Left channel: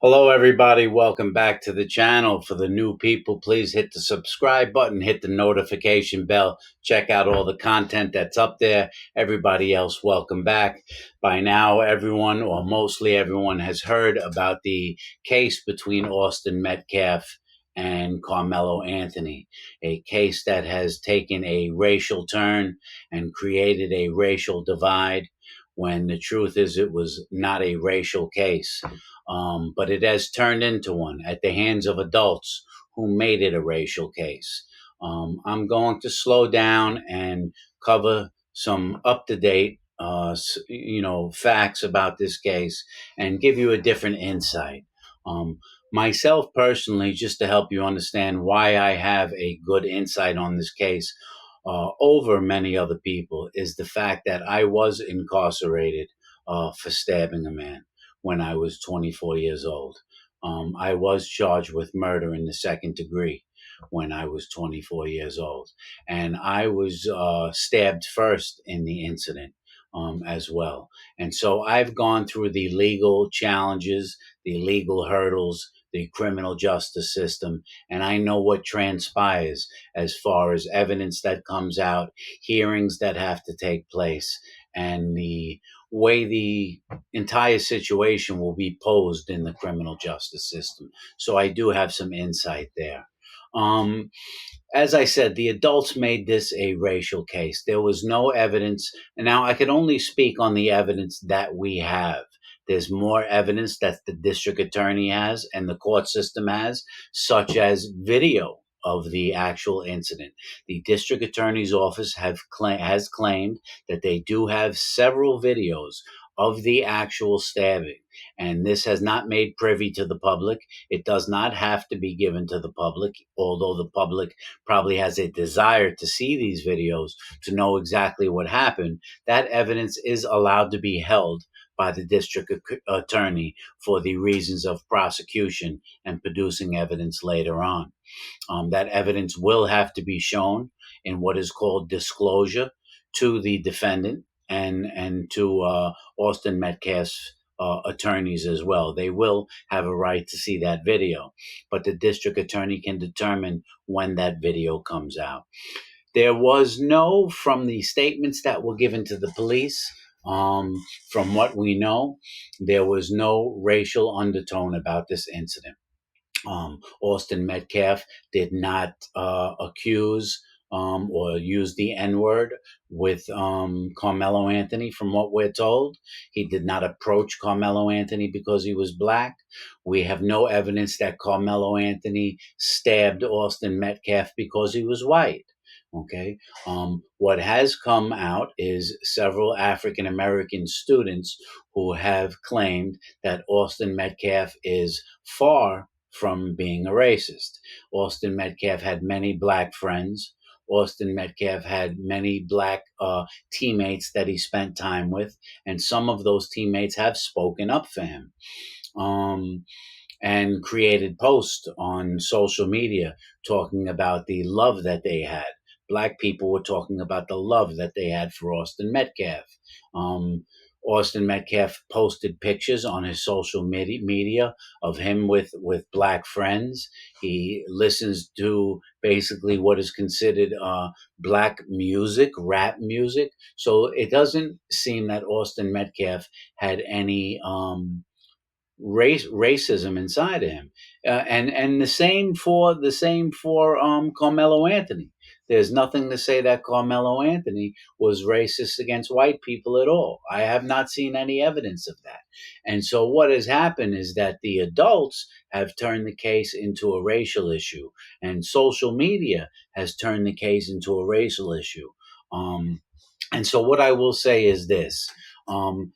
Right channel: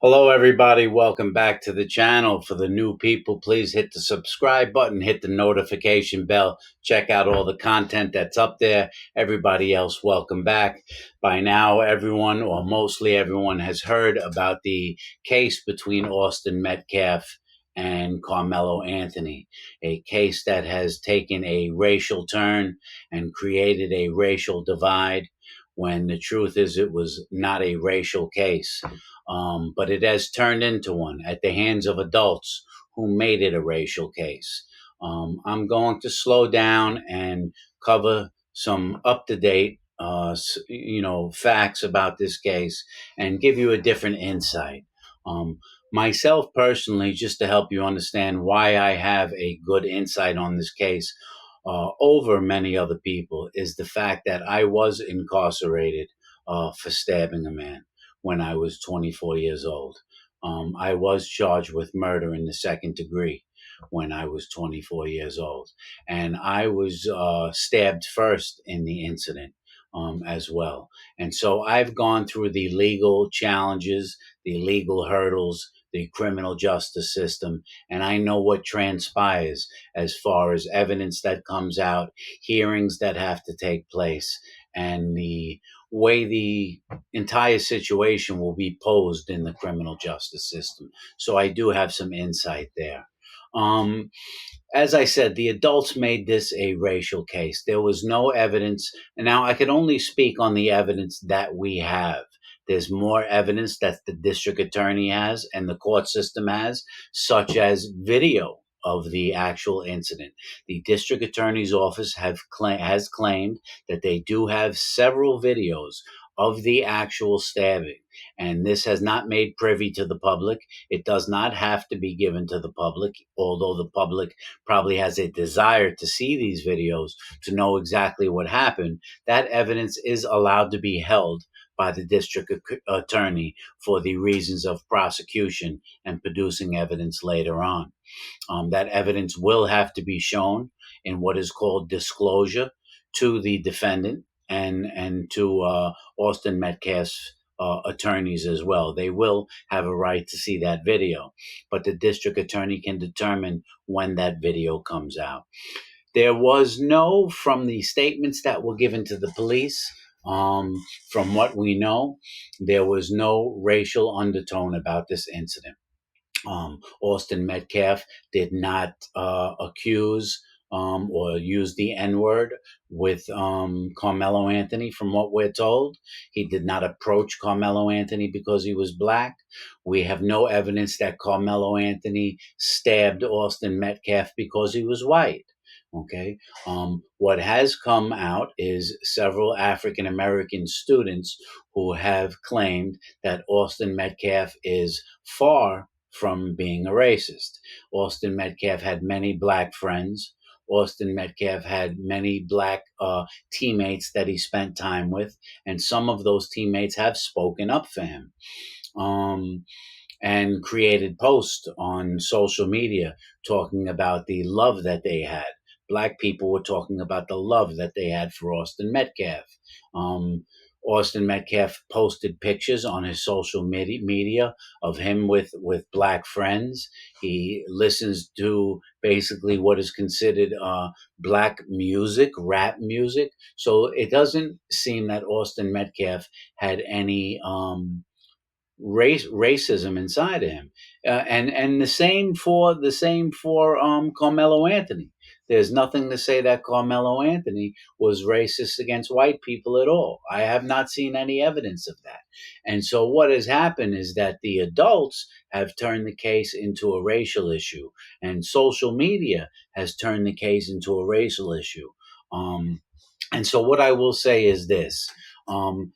Hello, everybody. Welcome back to the channel. For the new people, please hit the subscribe button, hit the notification bell, check out all the content that's up there. Everybody else, welcome back. By now, everyone, or mostly everyone, has heard about the case between Austin Metcalf and Karmelo Anthony, a case that has taken a racial turn and created a racial divide when the truth is it was not a racial case. But it has turned into one at the hands of adults who made it a racial case. I'm going to slow down and cover some up to date, facts about this case and give you a different insight. Myself personally, just to help you understand why I have a good insight on this case over many other people, is the fact that I was incarcerated for stabbing a man when I was 24 years old. I was charged with murder in the second degree when I was 24 years old. And I was stabbed first in the incident as well. And so I've gone through the legal challenges, the legal hurdles, the criminal justice system, and I know what transpires as far as evidence that comes out, hearings that have to take place, and the way the entire situation will be posed in the criminal justice system. So I do have some insight there. Um, as I said, the adults made this a racial case. There was no evidence. And now I can only speak on the evidence that we have. There's more evidence that the district attorney has and the court system has, such as video of the actual incident. The district attorney's office has claimed that they do have several videos of the actual stabbing. And this has not made privy to the public. It does not have to be given to the public, although the public probably has a desire to see these videos to know exactly what happened. That evidence is allowed to be held by the district attorney for the reasons of prosecution and producing evidence later on. That evidence will have to be shown in what is called disclosure to the defendant and to Austin Metcalf's attorneys as well. They will have a right to see that video, but the district attorney can determine when that video comes out. There was no, from the statements that were given to the police, from what we know, there was no racial undertone about this incident. Austin Metcalf did not accuse or use the N word with Carmelo Anthony, from what we're told. He did not approach Carmelo Anthony because he was black. We have no evidence that Carmelo Anthony stabbed Austin Metcalf because he was white. Okay. What has come out is several African American students who have claimed that Austin Metcalf is far from being a racist. Austin Metcalf had many black friends. Austin Metcalf had many black teammates that he spent time with, and some of those teammates have spoken up for him. And created posts on social media talking about the love that they had. Black people were talking about the love that they had for Austin Metcalf. Um, Austin Metcalf posted pictures on his social media of him with black friends. He listens to basically what is considered black music, rap music. So it doesn't seem that Austin Metcalf had any racism inside of him, and the same for Carmelo Anthony. There's nothing to say that Carmelo Anthony was racist against white people at all. I have not seen any evidence of that. And so what has happened is that the adults have turned the case into a racial issue, and social media has turned the case into a racial issue. And so what I will say is this. Um,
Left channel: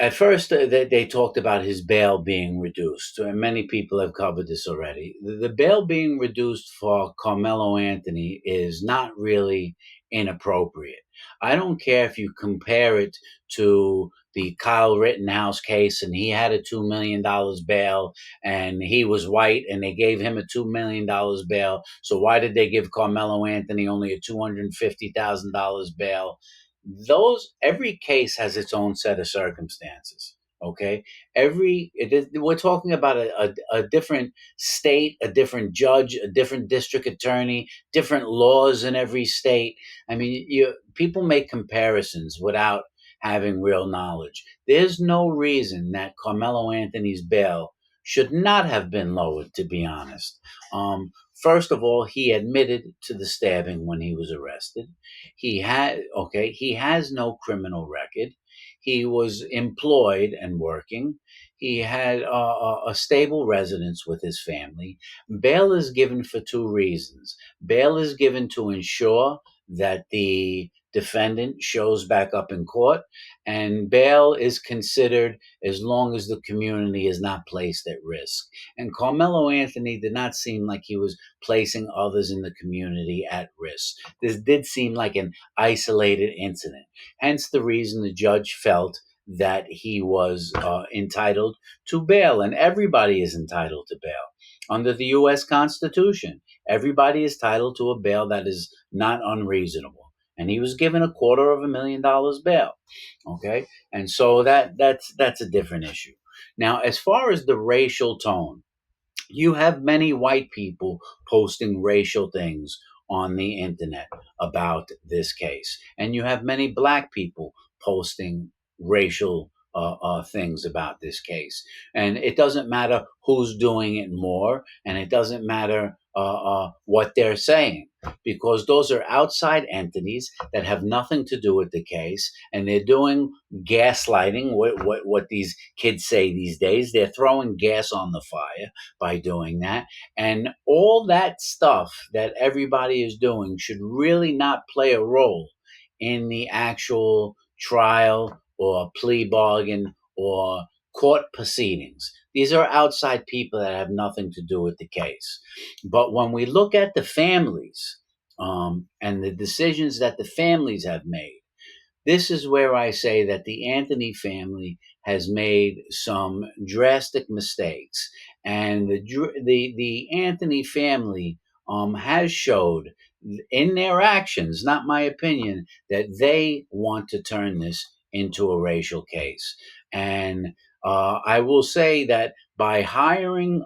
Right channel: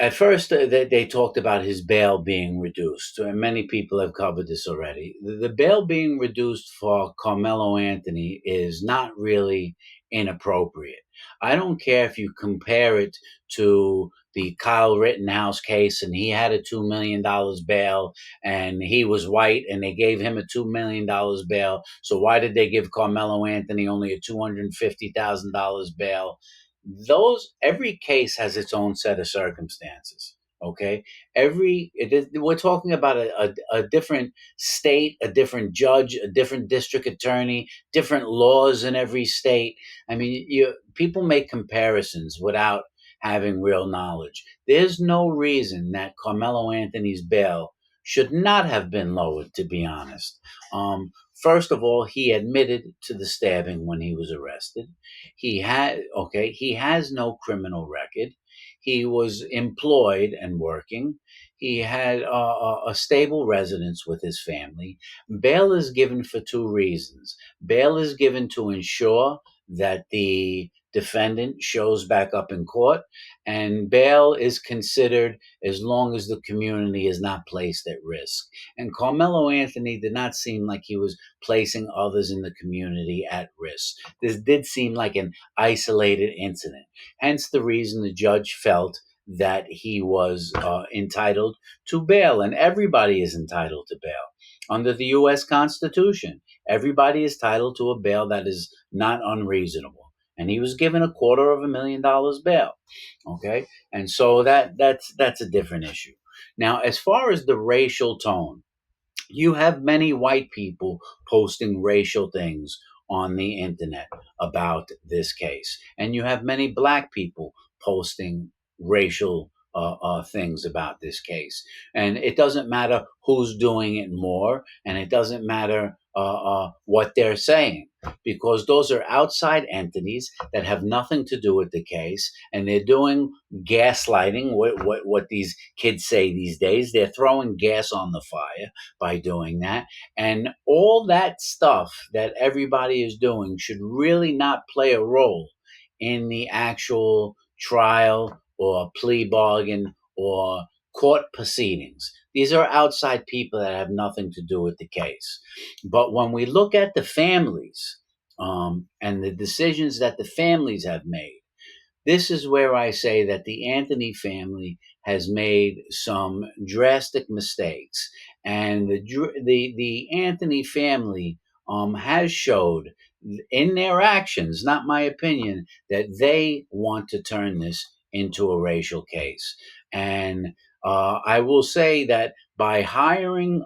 at first, they talked about his bail being reduced, and many people have covered this already. The bail being reduced for Carmelo Anthony is not really inappropriate. I don't care if you compare it to the Kyle Rittenhouse case, and he had a $2 million bail, and he was white, and they gave him a $2 million bail. So why did they give Carmelo Anthony only a $250,000 bail? Those, every case has its own set of circumstances. Okay, we're talking about a different state, a different judge, a different district attorney, different laws in every state. I mean, people make comparisons without having real knowledge. There's no reason that Carmelo Anthony's bail should not have been lowered, to be honest. First of all, he admitted to the stabbing when he was arrested. He has no criminal record. He was employed and working. He had a stable residence with his family. Bail is given for two reasons. Bail is given to ensure that the defendant shows back up in court, and bail is considered as long as the community is not placed at risk. And Carmelo Anthony did not seem like he was placing others in the community at risk. This did seem like an isolated incident. Hence the reason the judge felt that he was entitled to bail, and everybody is entitled to bail. Under the U.S. Constitution, everybody is entitled to a bail that is not unreasonable. And he was given $250,000 bail. Okay, and so that's a different issue. Now, as far as the racial tone, you have many white people posting racial things on the internet about this case, and you have many black people posting racial things about this case. And it doesn't matter who's doing it more, and it doesn't matter what they're saying, because those are outside entities that have nothing to do with the case, and they're doing gaslighting. What these kids say these days, they're throwing gas on the fire by doing that. And all that stuff that everybody is doing should really not play a role in the actual trial or plea bargain or court proceedings. These are outside people that have nothing to do with the case. But when we look at the families and the decisions that the families have made, this is where I say that the Anthony family has made some drastic mistakes, and the Anthony family has showed in their actions, not my opinion, that they want to turn this into a racial case. And I will say that by hiring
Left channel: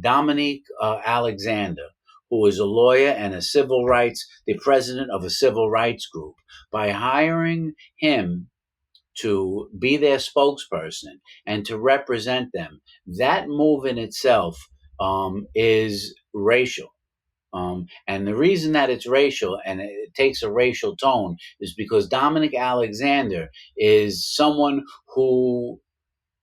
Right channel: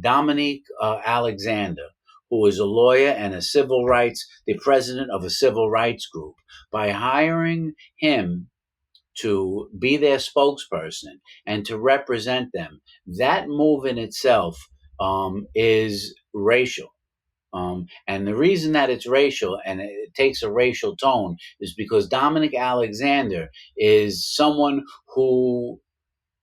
Dominique Alexander, who is a lawyer and the president of a civil rights group, by hiring him to be their spokesperson and to represent them, that move in itself is racial. And the reason that it's racial and it takes a racial tone is because Dominic Alexander is someone who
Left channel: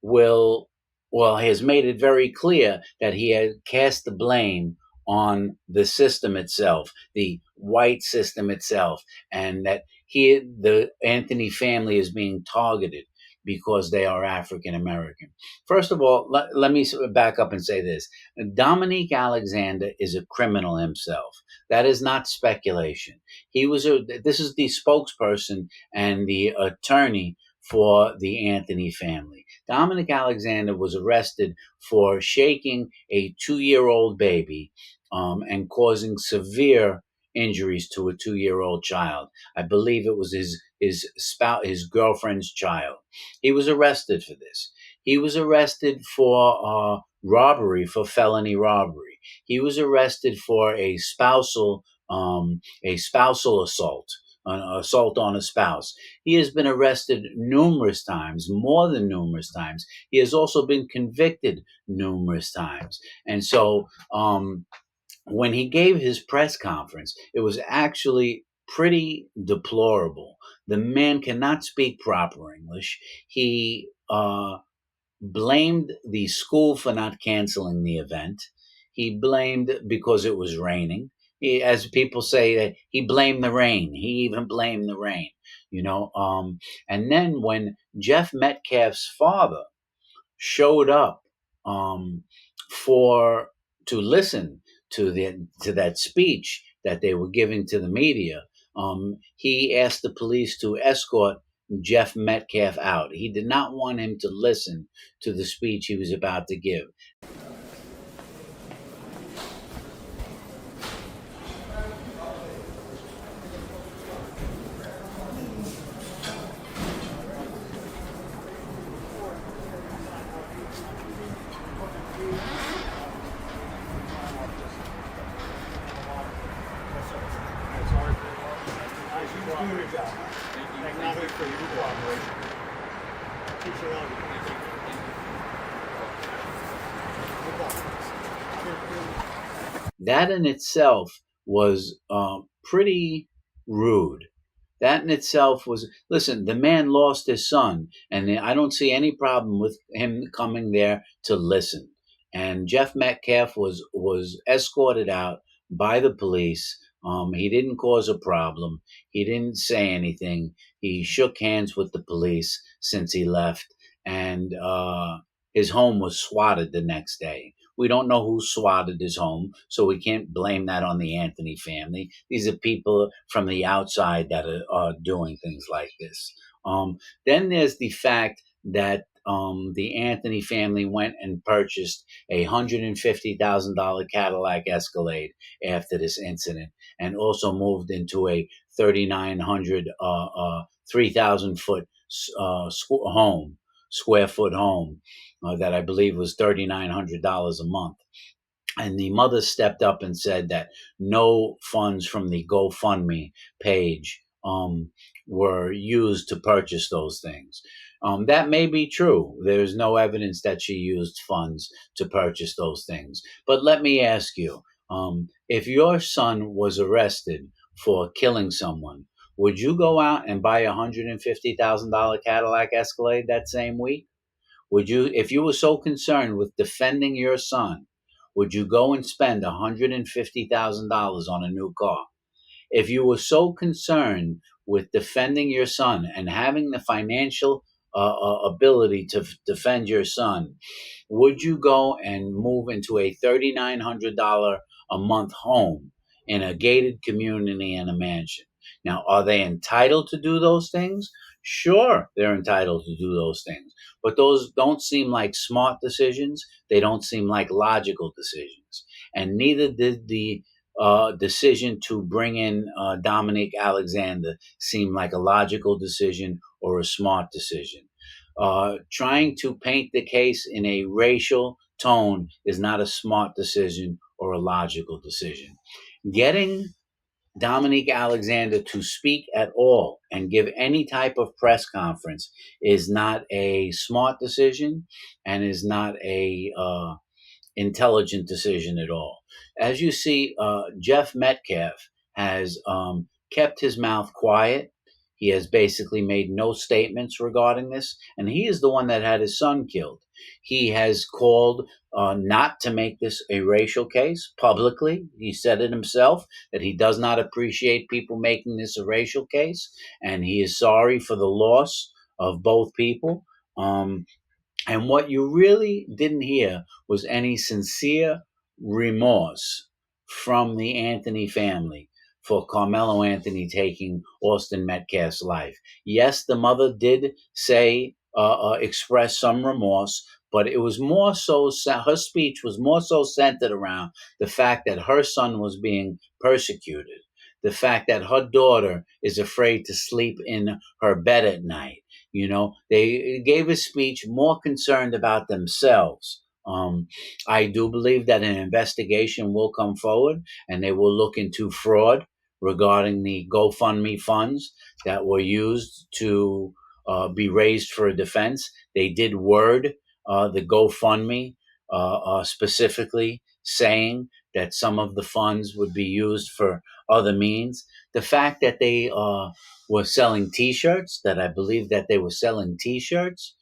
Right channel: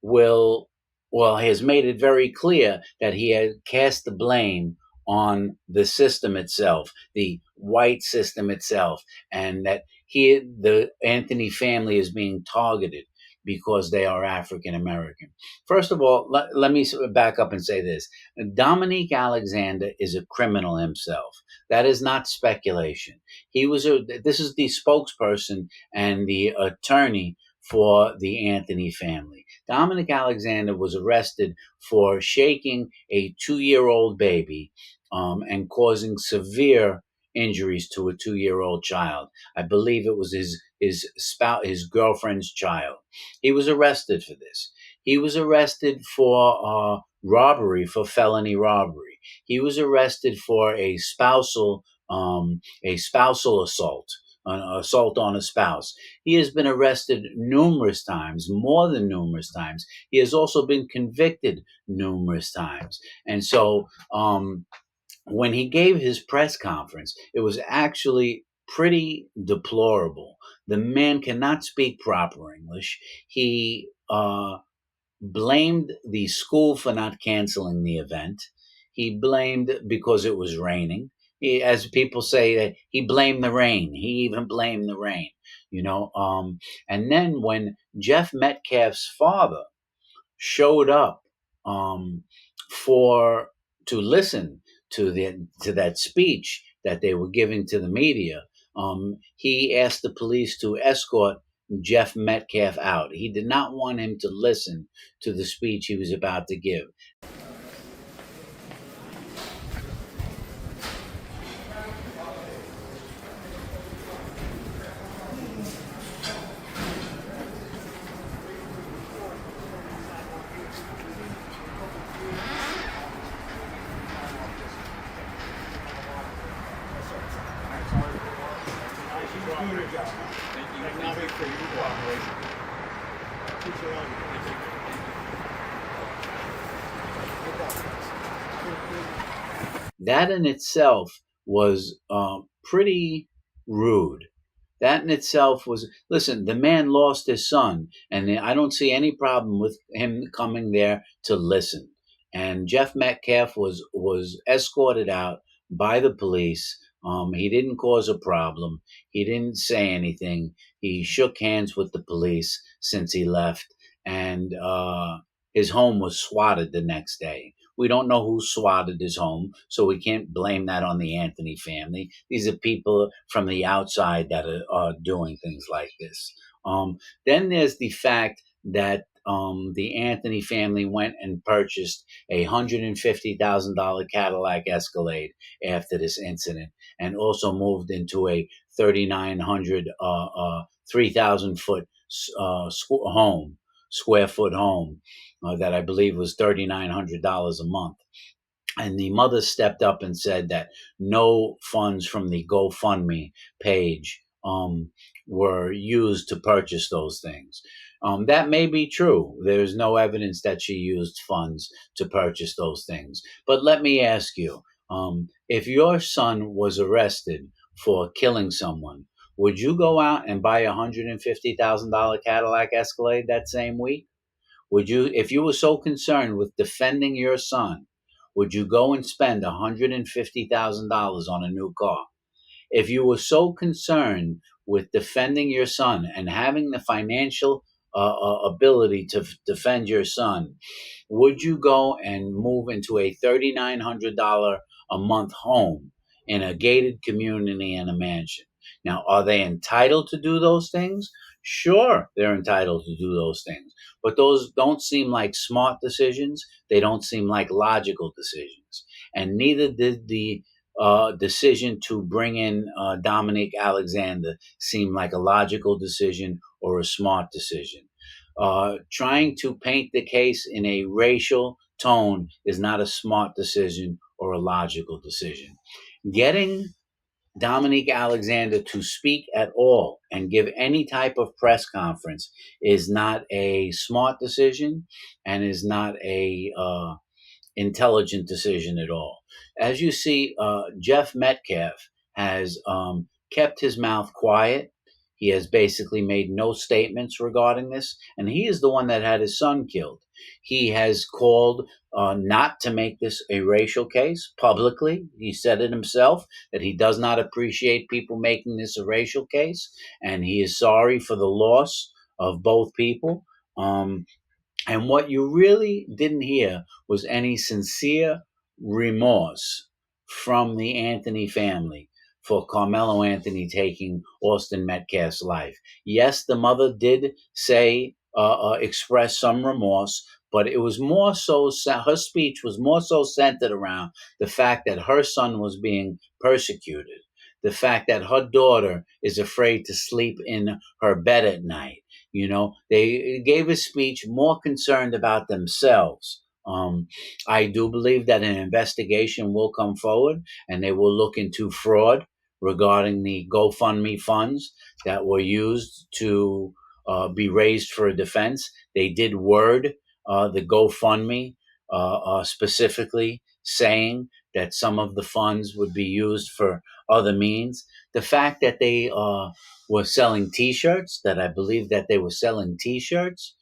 will has made it very clear that he has cast the blame on the system itself, the white system itself, and that the Anthony family is being targeted because they are African American. First of all, let me back up and say this. Dominique Alexander is a criminal himself. That is not speculation. This is the spokesperson and the attorney for the Anthony family. Dominic Alexander was arrested for shaking a 2-year-old baby and causing severe injuries to a 2-year-old child. I believe it was his girlfriend's child. He was arrested for this. He was arrested for robbery, for felony robbery. He was arrested for a spousal assault, an assault on a spouse. He has been arrested numerous times, more than numerous times. He has also been convicted numerous times. And so when he gave his press conference, it was actually pretty deplorable. The man cannot speak proper English. He blamed the school for not canceling the event. He blamed because it was raining. As people say, that he blamed the rain. He even blamed the rain, you know. And then when Jeff Metcalf's father showed up um, for to listen to that speech that they were giving to the media, he asked the police to escort Jeff Metcalf out. He did not want him to listen to the speech he was about to give. That in itself was pretty rude. That in itself was, listen, the man lost his son, and I don't see any problem with him coming there to listen. And Jeff Metcalf was escorted out by the police. He didn't cause a problem. He didn't say anything. He shook hands with the police since he left, and his home was swatted the next day. We don't know who swatted his home, so we can't blame that on the Anthony family. These are people from the outside that are doing things like this. Then there's the fact that the Anthony family went and purchased a $150,000 Cadillac Escalade after this incident, and also moved into a 3,900, 3,000 foot home, square foot home, that I believe was $3,900 a month. And the mother stepped up and said that no funds from the GoFundMe page were used to purchase those things. That may be true. There's no evidence that she used funds to purchase those things. But let me ask you, if your son was arrested for killing someone, would you go out and buy a $150,000 Cadillac Escalade that same week? Would you, if you were so concerned with defending your son, would you go and spend $150,000 on a new car? If you were so concerned with defending your son and having the financial ability to defend your son, would you go and move into a $3,900 a month home in a gated community in a mansion? Now, are they entitled to do those things? Sure, they're entitled to do those things. But those don't seem like smart decisions. They don't seem like logical decisions. And neither did the decision to bring in Dominique Alexander seem like a logical decision or a smart decision. Trying to paint the case in a racial tone is not a smart decision or a logical decision. Getting Dominique Alexander to speak at all and give any type of press conference is not a smart decision and is not a intelligent decision at all. As you see, Jeff Metcalf has kept his mouth quiet. He has basically made no statements regarding this, and he is the one that had his son killed. He has called not to make this a racial case publicly. He said it himself that he does not appreciate people making this a racial case, and he is sorry for the loss of both people. And what you really didn't hear was any sincere remorse from the Anthony family for Carmelo Anthony taking Austin Metcalf's life. Yes, the mother did say, express some remorse, but it was more so, her speech was more so centered around the fact that her son was being persecuted, the fact that her daughter is afraid to sleep in her bed at night. You know, they gave a speech more concerned about themselves. I do believe that an investigation will come forward and they will look into fraud regarding the GoFundMe funds that were used to be raised for a defense. They did word the GoFundMe specifically saying that some of the funds would be used for other means. The fact that they were selling T-shirts, that I believe that they were selling T-shirts.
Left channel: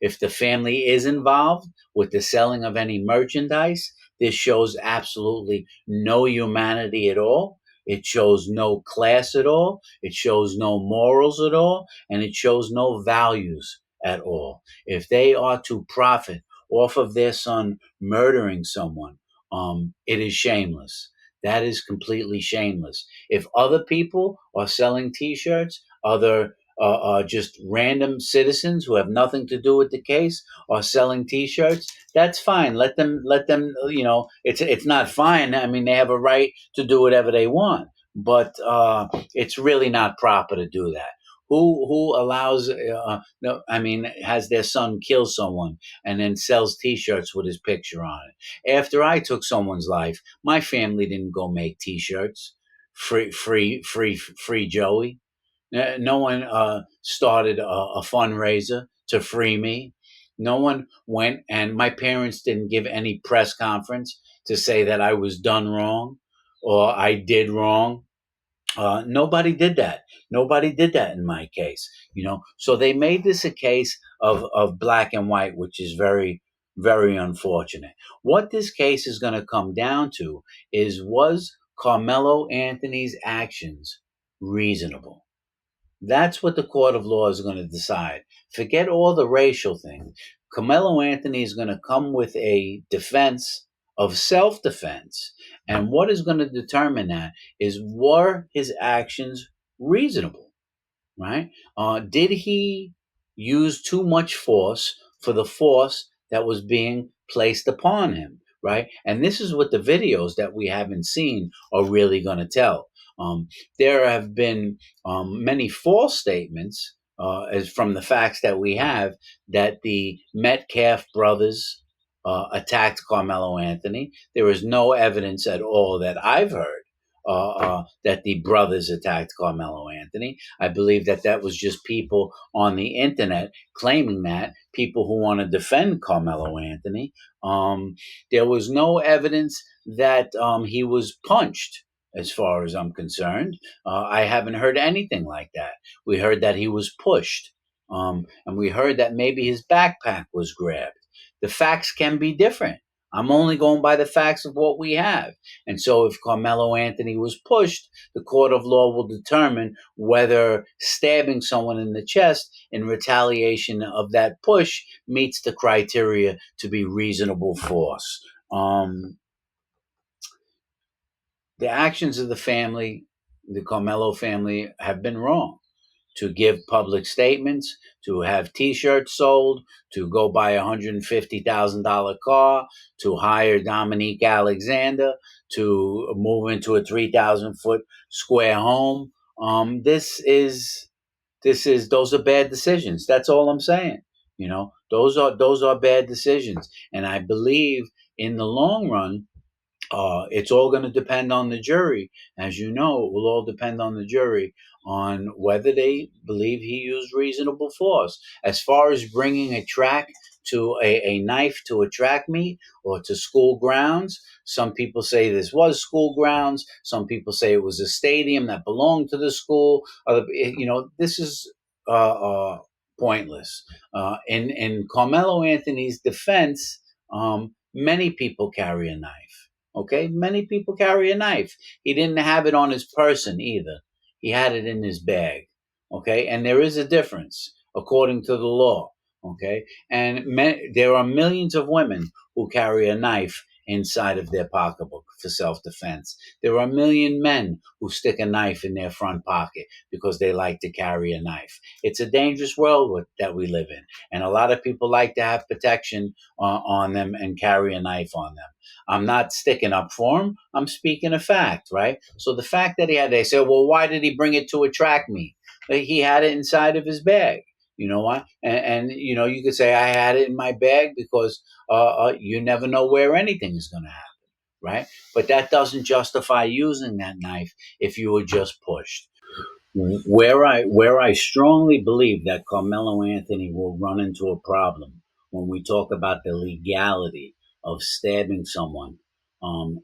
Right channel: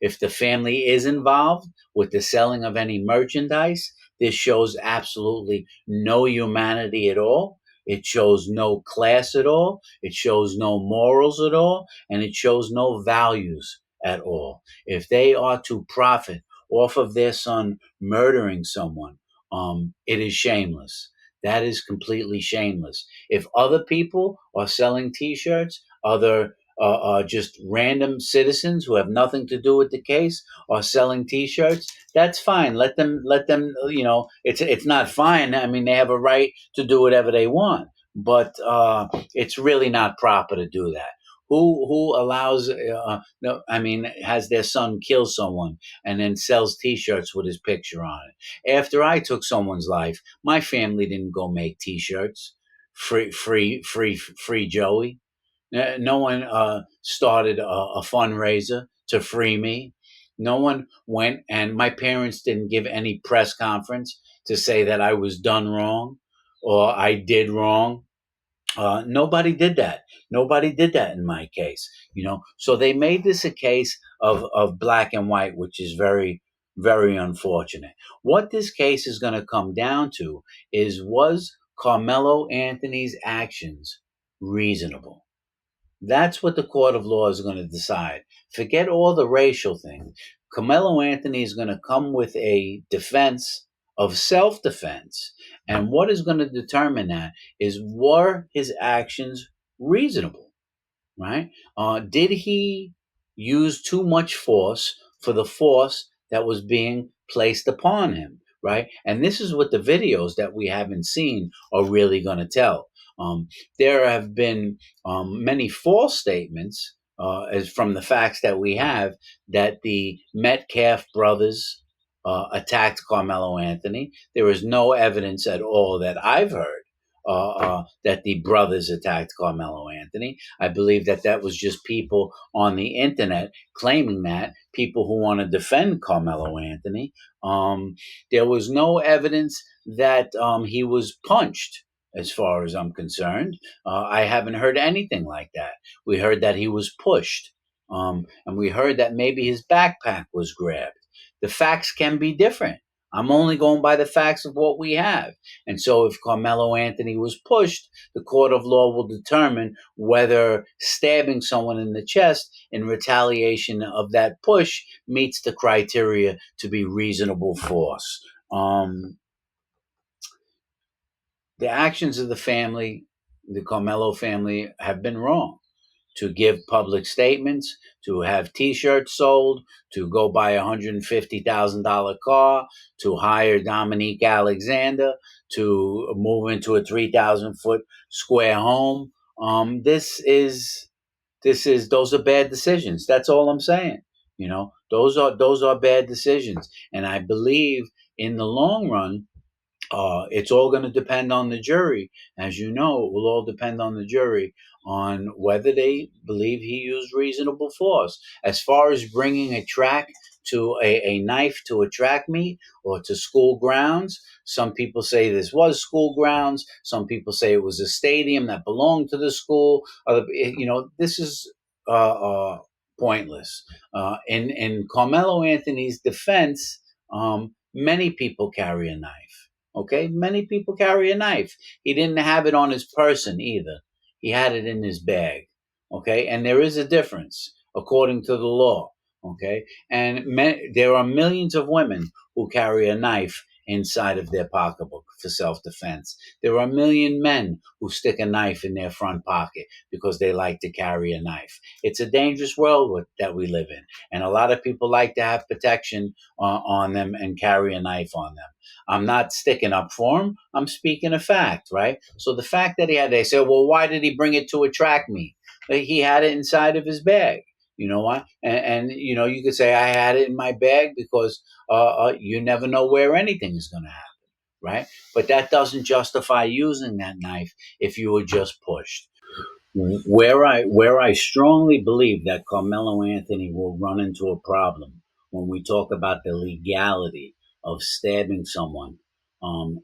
If the family is involved with the selling of any merchandise, this shows absolutely no humanity at all. It shows no class at all. It shows no morals at all. And it shows no values at all. If they are to profit off of their son murdering someone, it is shameless. That is completely shameless. If other people are selling T-shirts, other just random citizens who have nothing to do with the case are selling T-shirts, that's fine. Let them. You know, it's not fine. I mean, they have a right to do whatever they want, but it's really not proper to do that. Who allows? No, I mean, has their son kill someone and then sells T-shirts with his picture on it? After I took someone's life, my family didn't go make T-shirts. Free Joey. No one started a fundraiser to free me. No one went, and my parents didn't give any press conference to say that I was done wrong or I did wrong. Nobody did that. Nobody did that in my case, So they made this a case of black and white, which is very, very unfortunate. What this case is going to come down to is, was Carmelo Anthony's actions reasonable? That's what the court of law is going to decide. Forget all the racial things. Carmelo Anthony is going to come with a defense of self defense. And what is going to determine that is, were his actions reasonable? Right? Did he use too much force for the force that was being placed upon him? Right? And this is what the videos that we haven't seen are really going to tell. There have been many false statements, as from the facts that we have, that the Metcalf brothers attacked Carmelo Anthony. There is no evidence at all that I've heard that the brothers attacked Carmelo Anthony. I believe that that was just people on the internet claiming that, people who want to defend Carmelo Anthony. There was no evidence that he was punched, as far as I'm concerned. I haven't heard anything like that. We heard that he was pushed, and we heard that maybe his backpack was grabbed. The facts can be different. I'm only going by the facts of what we have. And so if Carmelo Anthony was pushed, the court of law will determine whether stabbing someone in the chest in retaliation of that push meets the criteria to be reasonable force. The actions of the family, the Carmelo family, have been wrong. To give public statements, to have T-shirts sold, to go buy a $150,000 car, to hire Dominique Alexander, to move into a 3,000-foot square home. Those are bad decisions. That's all I'm saying. Those are bad decisions, and I believe in the long run, it's all going to depend on the jury. As you know, it will all depend on the jury on whether they believe he used reasonable force. As far as bringing a knife to a track meet or to school grounds, some people say this was school grounds. Some people say it was a stadium that belonged to the school. This is pointless. In Carmelo Anthony's defense, many people carry a knife. Okay, many people carry a knife. He didn't have it on his person either. He had it in his bag. Okay, and there is a difference according to the law. Okay, and there are millions of women who carry a knife inside of their pocketbook for self-defense. There are a million men who stick a knife in their front pocket because they like to carry a knife. It's a dangerous world that we live in, and a lot of people like to have protection on them and carry a knife on them. I'm not sticking up for him. I'm speaking a fact, right? So the fact that they say, well, why did he bring it to a track meet? He had it inside of his bag. You know what? And you could say I had it in my bag because you never know where anything is going to happen, right? But that doesn't justify using that knife if you were just pushed. Where I strongly believe that Carmelo Anthony will run into a problem when we talk about the legality of stabbing someone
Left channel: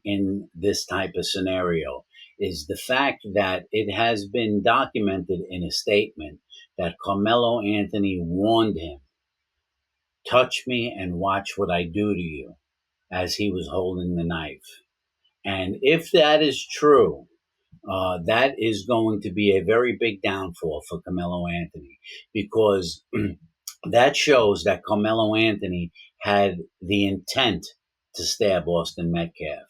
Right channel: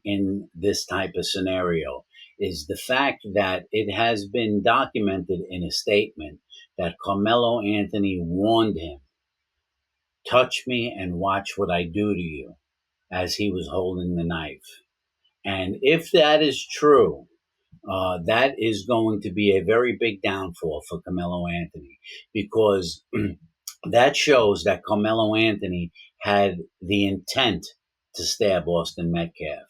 in this type of scenario is the fact that it has been documented in a statement that Carmelo Anthony warned him, touch me and watch what I do to you, as he was holding the knife. And if that is true, that is going to be a very big downfall for Carmelo Anthony, because that shows that Carmelo Anthony had the intent to stab Austin Metcalf.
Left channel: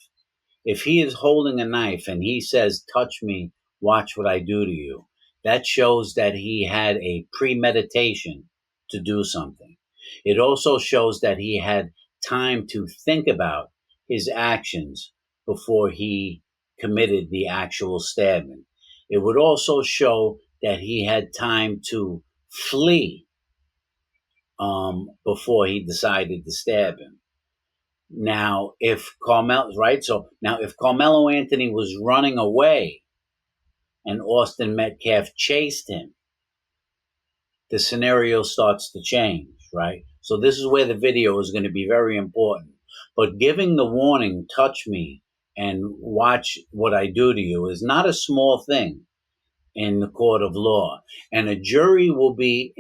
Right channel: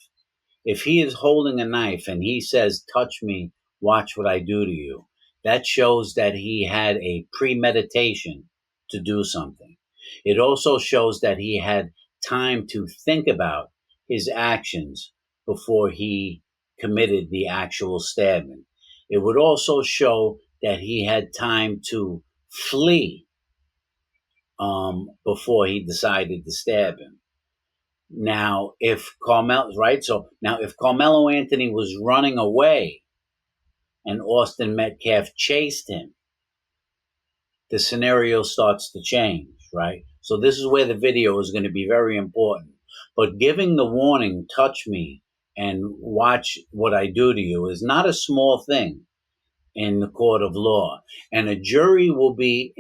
If he is holding a knife and he says, touch me, watch what I do to you, that shows that he had a premeditation to do something. It also shows that he had time to think about his actions before he committed the actual stabbing. It would also show that he had time to flee before he decided to stab him. Now, if Carmelo Anthony was running away and Austin Metcalf chased him, the scenario starts to change, right? So this is where the video is going to be very important. But giving the warning, touch me and watch what I do to you, is not a small thing in the court of law. And a jury will be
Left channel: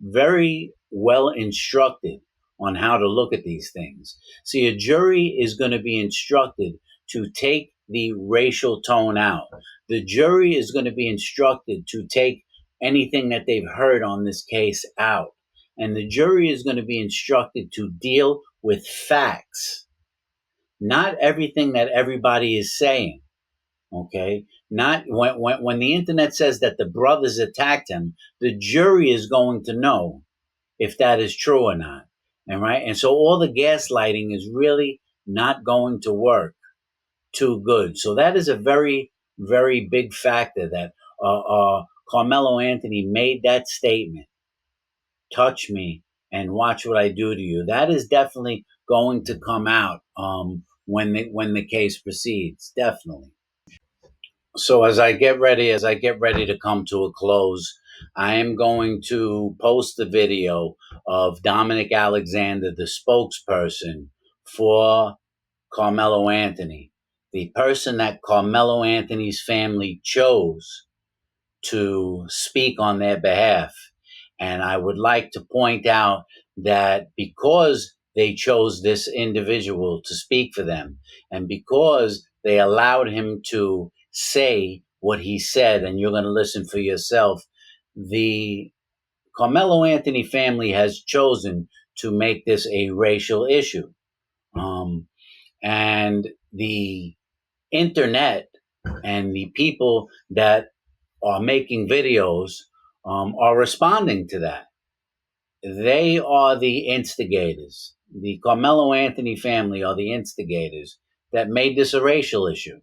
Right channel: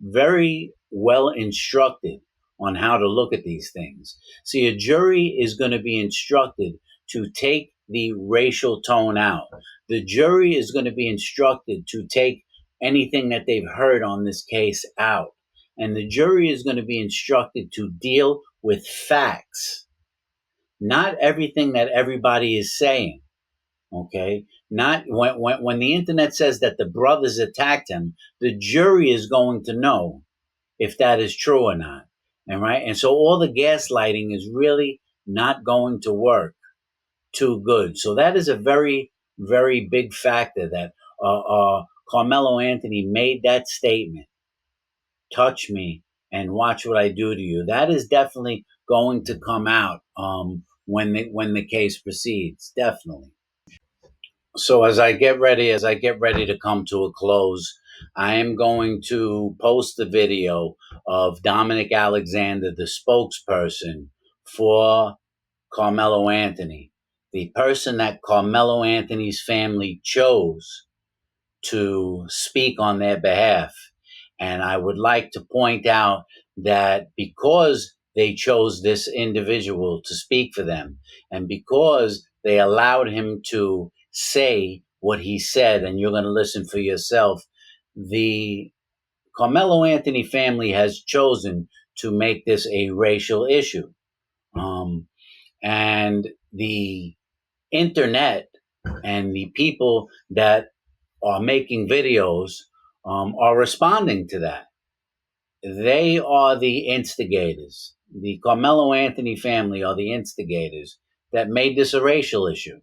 very well instructed on how to look at these things. See, a jury is going to be instructed to take the racial tone out. The jury is going to be instructed to take anything that they've heard on this case out. And the jury is going to be instructed to deal with facts, not everything that everybody is saying. Okay, not when the internet says that the brothers attacked him, the jury is going to know if that is true or not. And right, and so all the gaslighting is really not going to work too good. So that is a very, very big factor that Karmelo Anthony made that statement. Touch me and watch what I do to you. That is definitely going to come out when the case proceeds. Definitely. So as I get ready to come to a close, I am going to post the video of Dominic Alexander, the spokesperson for Karmelo Anthony, the person that Karmelo Anthony's family chose to speak on their behalf. And I would like to point out that because they chose this individual to speak for them, and because they allowed him to say what he said, and you're going to listen for yourself, the Carmelo Anthony family has chosen to make this a racial issue. And the internet and the people that are making videos are responding to that. They are the instigators. The Carmelo Anthony family are the instigators that made this a racial issue.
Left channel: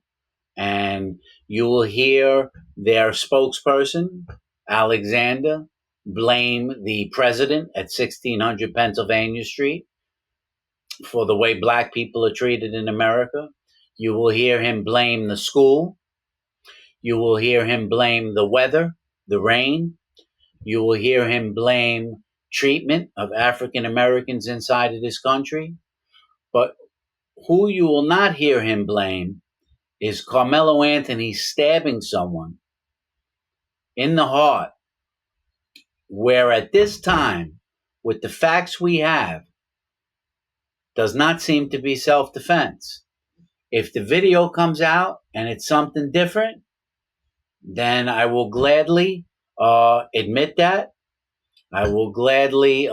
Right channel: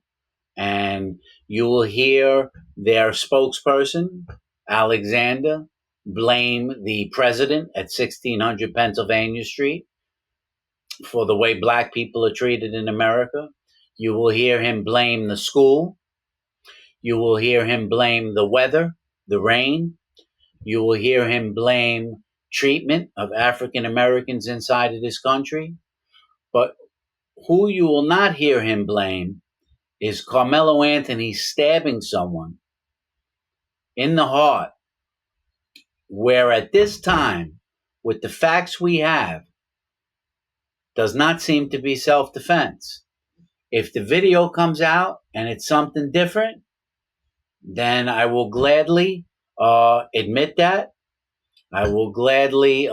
And you will hear their spokesperson, Alexander, blame the president at 1600 Pennsylvania Street for the way black people are treated in America. You will hear him blame the school. You will hear him blame the weather, the rain. You will hear him blame treatment of African Americans inside of this country. But who you will not hear him blame is Carmelo Anthony stabbing someone in the heart, where at this time, with the facts we have, does not seem to be self-defense. If the video comes out and it's something different, then I will gladly admit that. I will gladly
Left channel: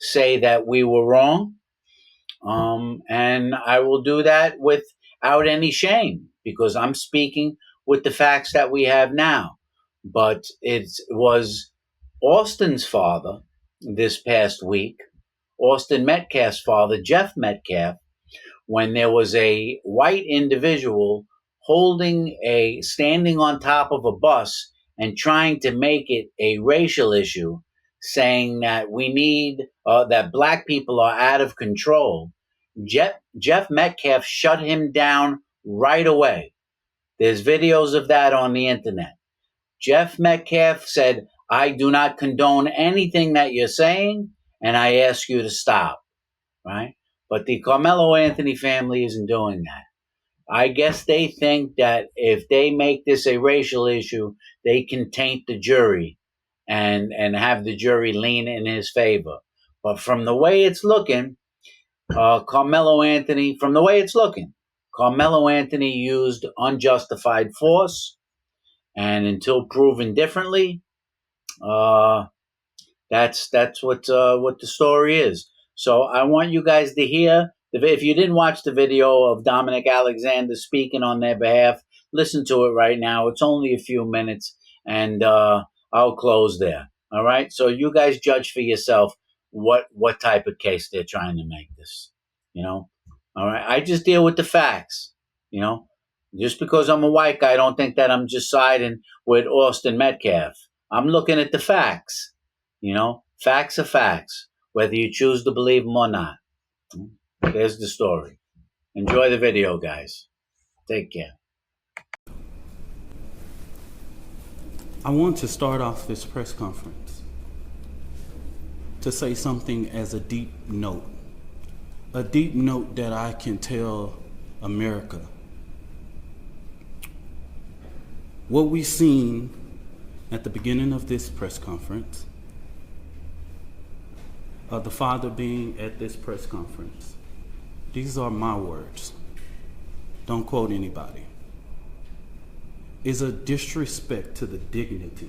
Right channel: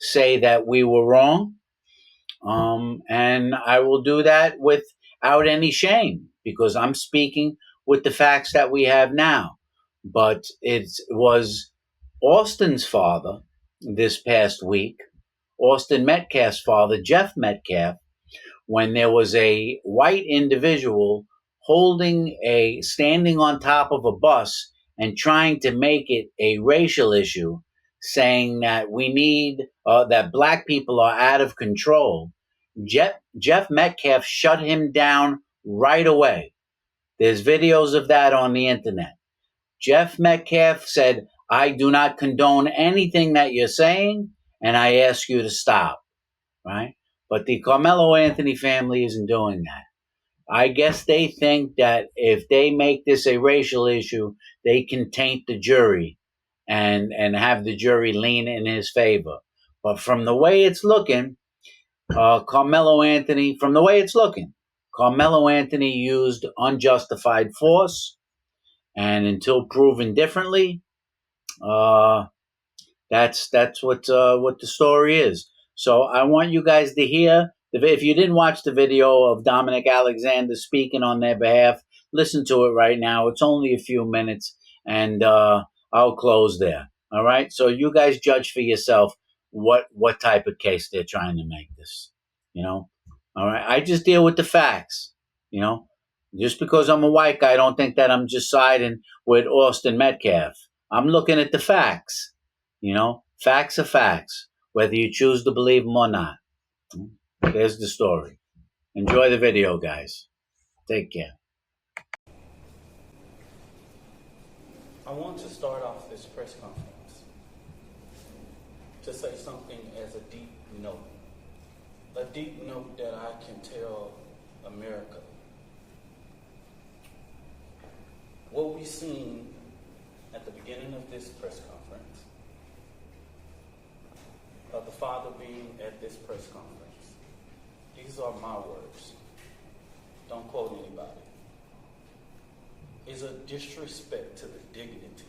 say that we were wrong. And I will do that without any shame, because I'm speaking with the facts that we have now. But it was Austin's father this past week, Austin Metcalf's father, Jeff Metcalf, when there was a white individual standing on top of a bus and trying to make it a racial issue, saying that that black people are out of control. Jeff Metcalf shut him down right away. There's videos of that on the internet. Jeff Metcalf said, I do not condone anything that you're saying, and I ask you to stop, right? But the Carmelo Anthony family isn't doing that. I guess they think that if they make this a racial issue, they can taint the jury and have the jury lean in his favor. But from the way it's looking, Carmelo Anthony used unjustified force, and until proven differently, that's what the story is. So I want you guys to hear. If you didn't watch the video of Dominic Alexander speaking on their behalf, listen to it right now. It's only a few minutes, and I'll close there. All right. So you guys judge for yourself what type of case they're trying to make this. All right. I just deal with the facts. Just because I'm a white guy, I don't think that I'm just siding with Austin Metcalf. I'm looking at the facts. Facts are facts, whether you choose to believe them or not. There's the story. Enjoy the video, guys. Take care. I want to start off this press conference to say something as a deep note that I can tell America. What we've seen at the beginning of this press conference, the father being at this press conference, these are my words, don't quote anybody, is a disrespect to the dignity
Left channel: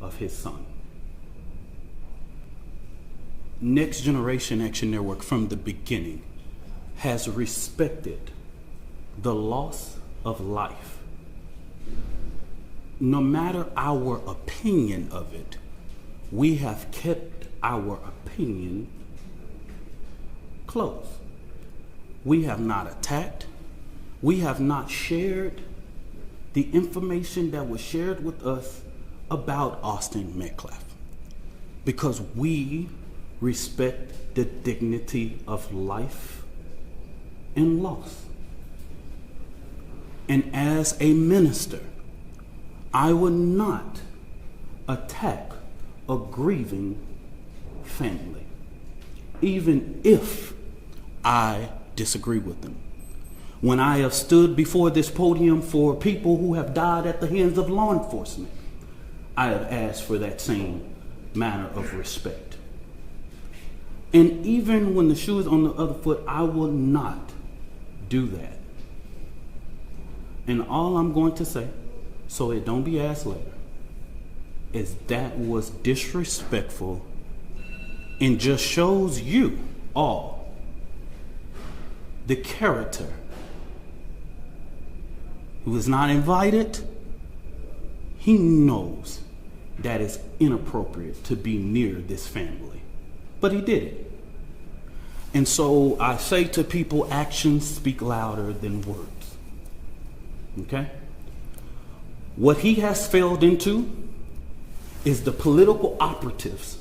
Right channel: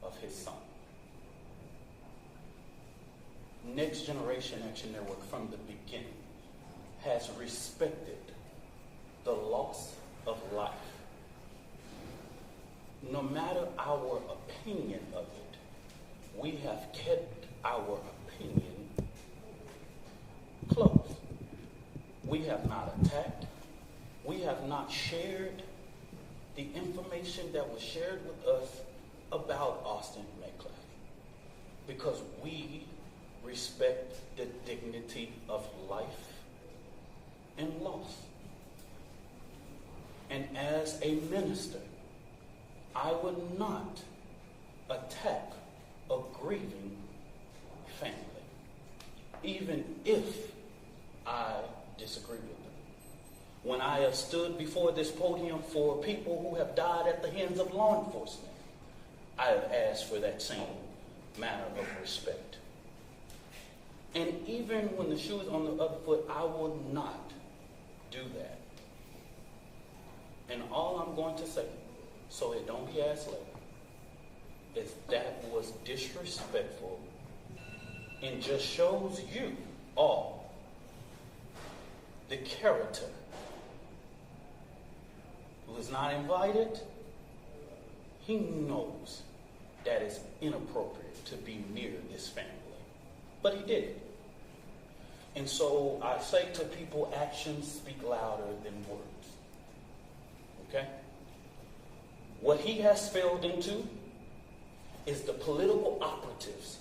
of his son. Next Generation Action Network from the beginning has respected the loss of life. No matter our opinion of it, we have kept our opinion close. We have not attacked. We have not shared the information that was shared with us about Austin Metcalf, because we respect the dignity of life and loss. And as a minister, I would not attack a grieving family, even if I disagree with them. When I have stood before this podium for people who have died at the hands of law enforcement, I have asked for that same manner of respect. And even when the shoe is on the other foot, I will not do that. And all I'm going to say, so it don't be asked later, is that was disrespectful and just shows you all the character who is not invited. He knows that it's inappropriate to be near this family, but he did it. And so I say to people, actions speak louder than words. Okay? What he has failed into is the political operatives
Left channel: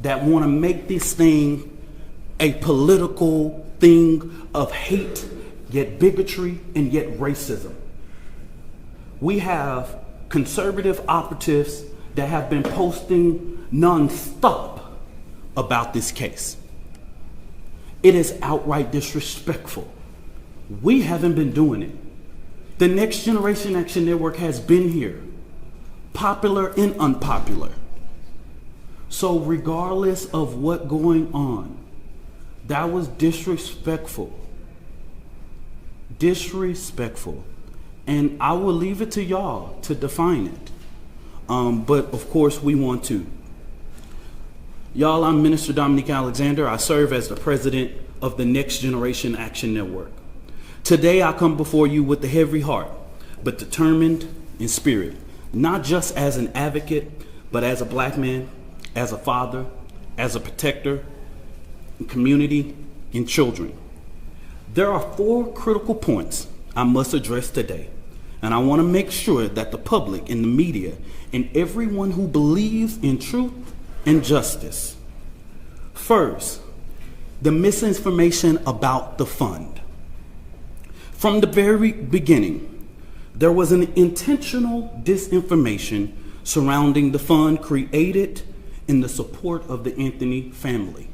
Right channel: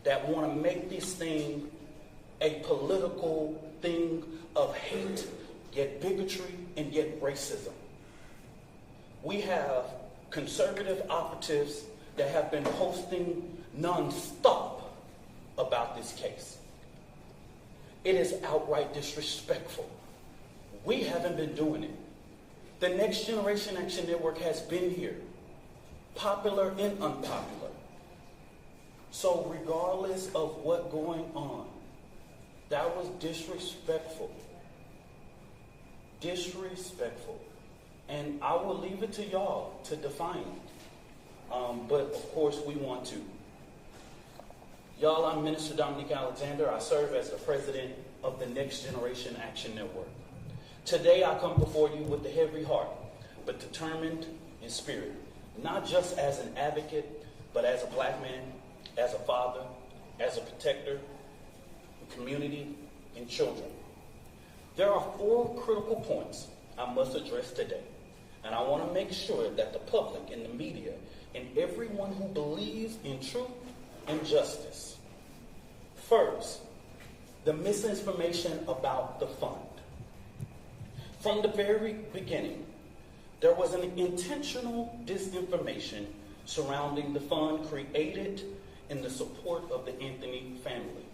that want to make this thing a political thing of hate, yet bigotry, and yet racism. We have conservative operatives that have been posting nonstop about this case. It is outright disrespectful. We haven't been doing it. The Next Generation Action Network has been here, popular and unpopular. So regardless of what's going on, that was disrespectful. Disrespectful. And I will leave it to y'all to define it. But of course we want to. Y'all, I'm Minister Dominique Alexander. I serve as the president of the Next Generation Action Network. Today I come before you with a heavy heart, but determined in spirit, not just as an advocate, but as a black man, as a father, as a protector, community, and children. There are 4 critical points I must address today, and I want to make sure that the public and the media and everyone who believes in truth and justice. First, the misinformation about the fund. From the very beginning, there was an intentional disinformation surrounding the fund created in the support of the Anthony family.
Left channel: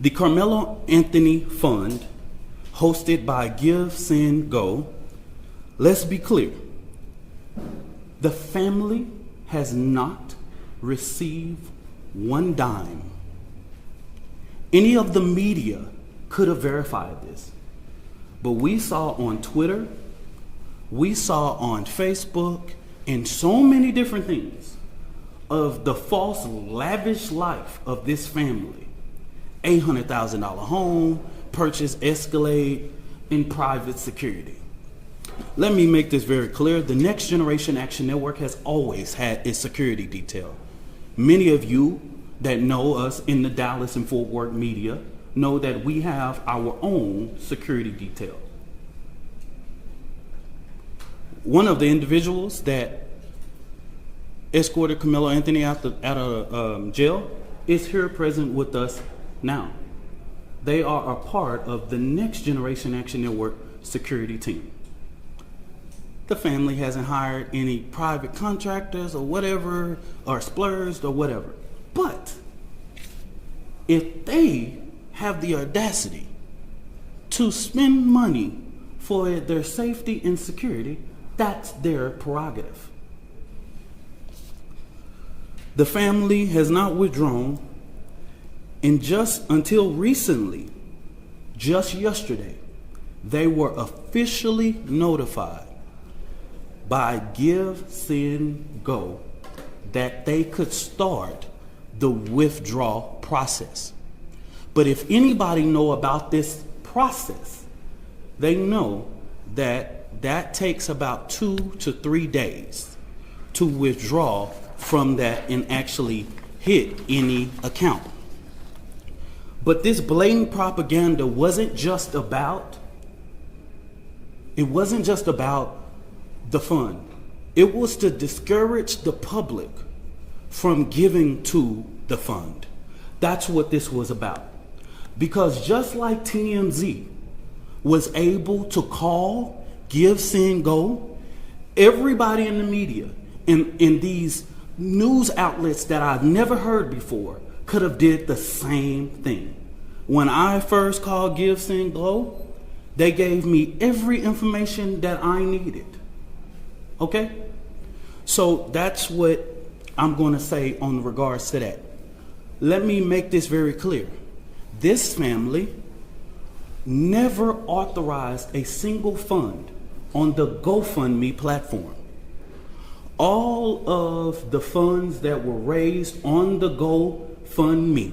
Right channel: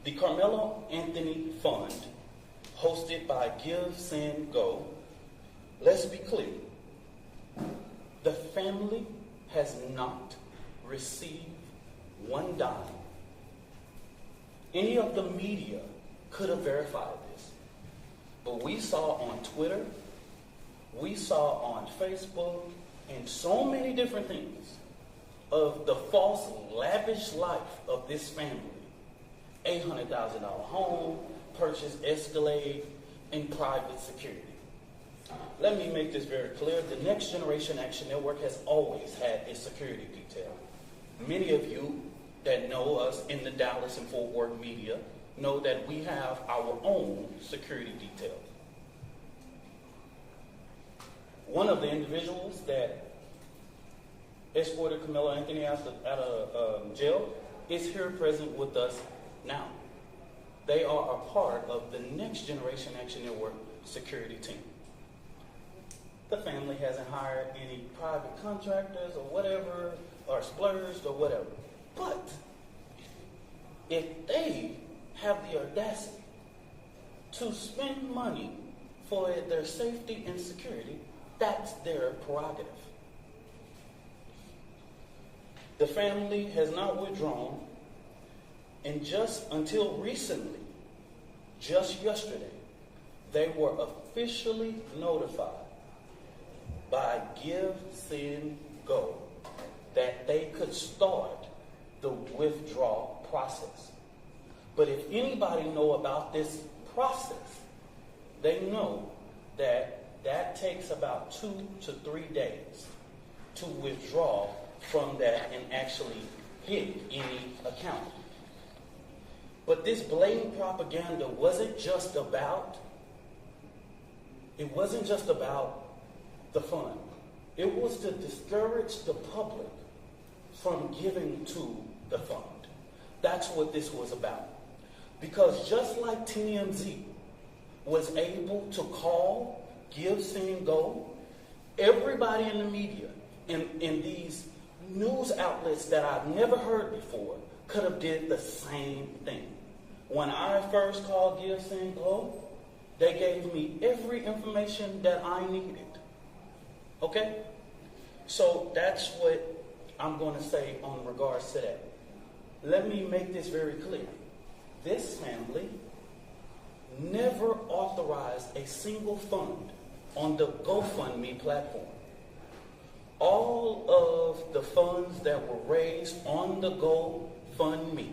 The Karmelo Anthony Fund, hosted by Give, Send, Go, let's be clear, the family has not received one dime. Any of the media could have verified this, but we saw on Twitter, we saw on Facebook, and so many different things of the false, lavish life of this family. $800,000 home, purchase Escalade, in private security. Let me make this very clear. The Next Generation Action Network has always had its security detail. Many of you that know us in the Dallas and Fort Worth media know that we have our own security detail. One of the individuals that escorted Karmelo Anthony out of jail is here present with us now. They are a part of the Next Generation Action Network security team. The family hasn't hired any private contractors or whatever, or splurged or whatever. But if they have the audacity to spend money for their safety and security, that's their prerogative. The family has not withdrawn, and just until recently, just yesterday, they were officially notified by Give, Send, Go that they could start the withdrawal process. But if anybody know about this process, they know that that takes about 2 to 3 days to withdraw from that and actually hit any account. But this blatant propaganda wasn't just about the fund. It was to discourage the public from giving to the fund. That's what this was about. Because just like TMZ was able to call, Give, Send, Go, everybody in the media and in these news outlets that I've never heard before could have did the same thing. When I first called Give, Send, Go, they gave me every information that I needed. Okay? So that's what I'm going to say on regards to that. Let me make this very clear. This family never authorized a single fund on the GoFundMe platform. All of the funds that were raised on the GoFundMe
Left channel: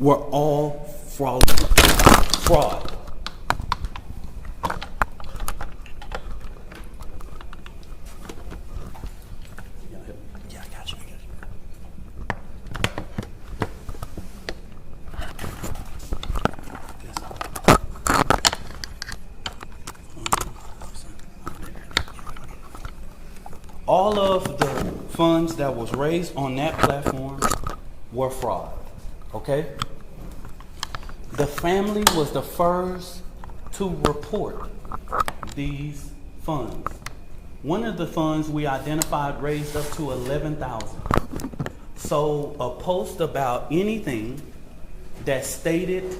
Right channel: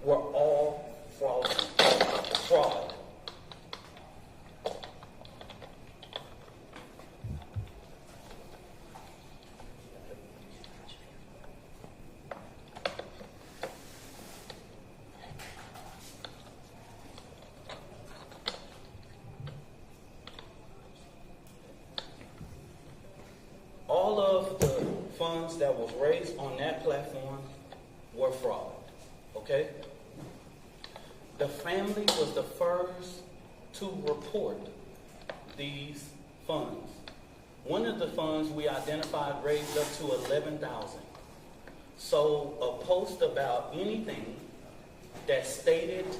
were all fraud. All of the funds that was raised on that platform were fraud, okay? The family was the first to report these funds. One of the funds we identified raised up to $11,000. So a post about anything that stated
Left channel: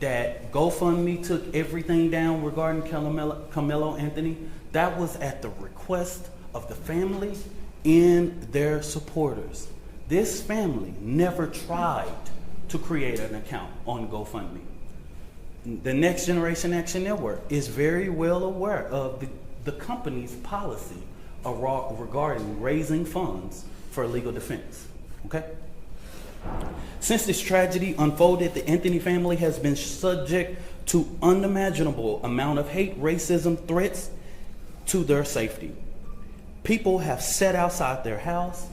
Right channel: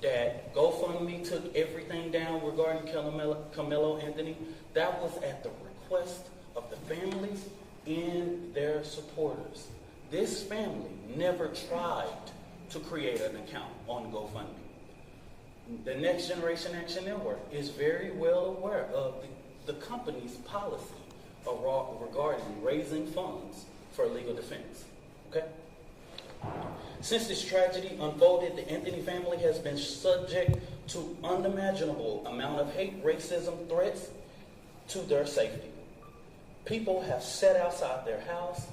that GoFundMe took everything down regarding Karmelo Anthony, that was at the request of the families and their supporters. This family never tried to create an account on GoFundMe. The Next Generation Action Network is very well aware of the company's policy regarding raising funds for legal defense. Okay? Since this tragedy unfolded, the Anthony family has been subject to unimaginable amount of hate, racism, threats to their safety. People have sat outside their house,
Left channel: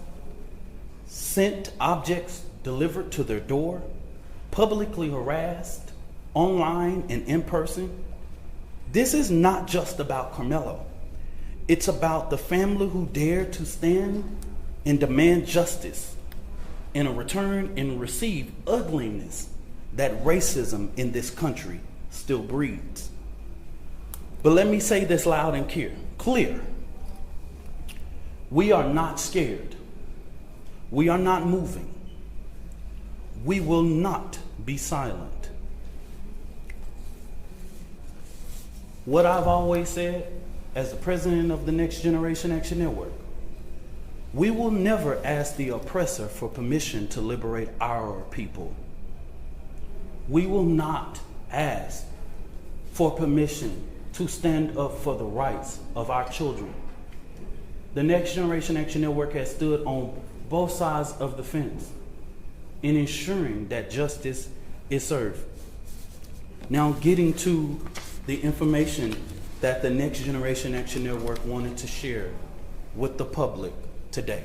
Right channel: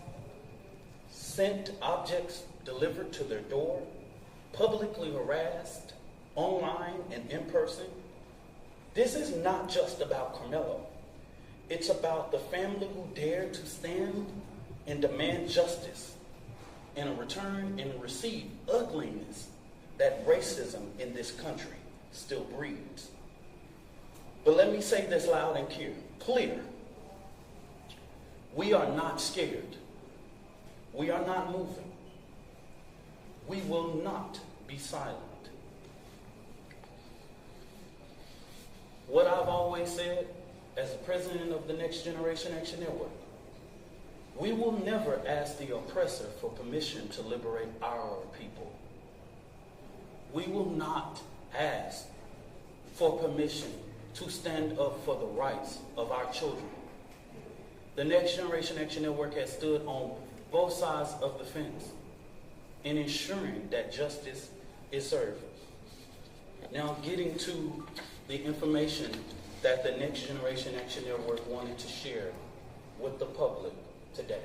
sent objects delivered to their door, publicly harassed, online and in person. This is not just about Karmelo. It's about the family who dared to stand and demand justice in a return and receive ugliness that racism in this country still breeds. But let me say this loud and clear. We are not scared. We are not moving. We will not be silent. What I've always said as the president of the Next Generation Action Network, we will never ask the oppressor for permission to liberate our people. We will not ask for permission to stand up for the rights of our children. The Next Generation Action Network has stood on both sides of the fence in ensuring that justice is served. Now getting to the information that the Next Generation Action Network wanted to share with the public today.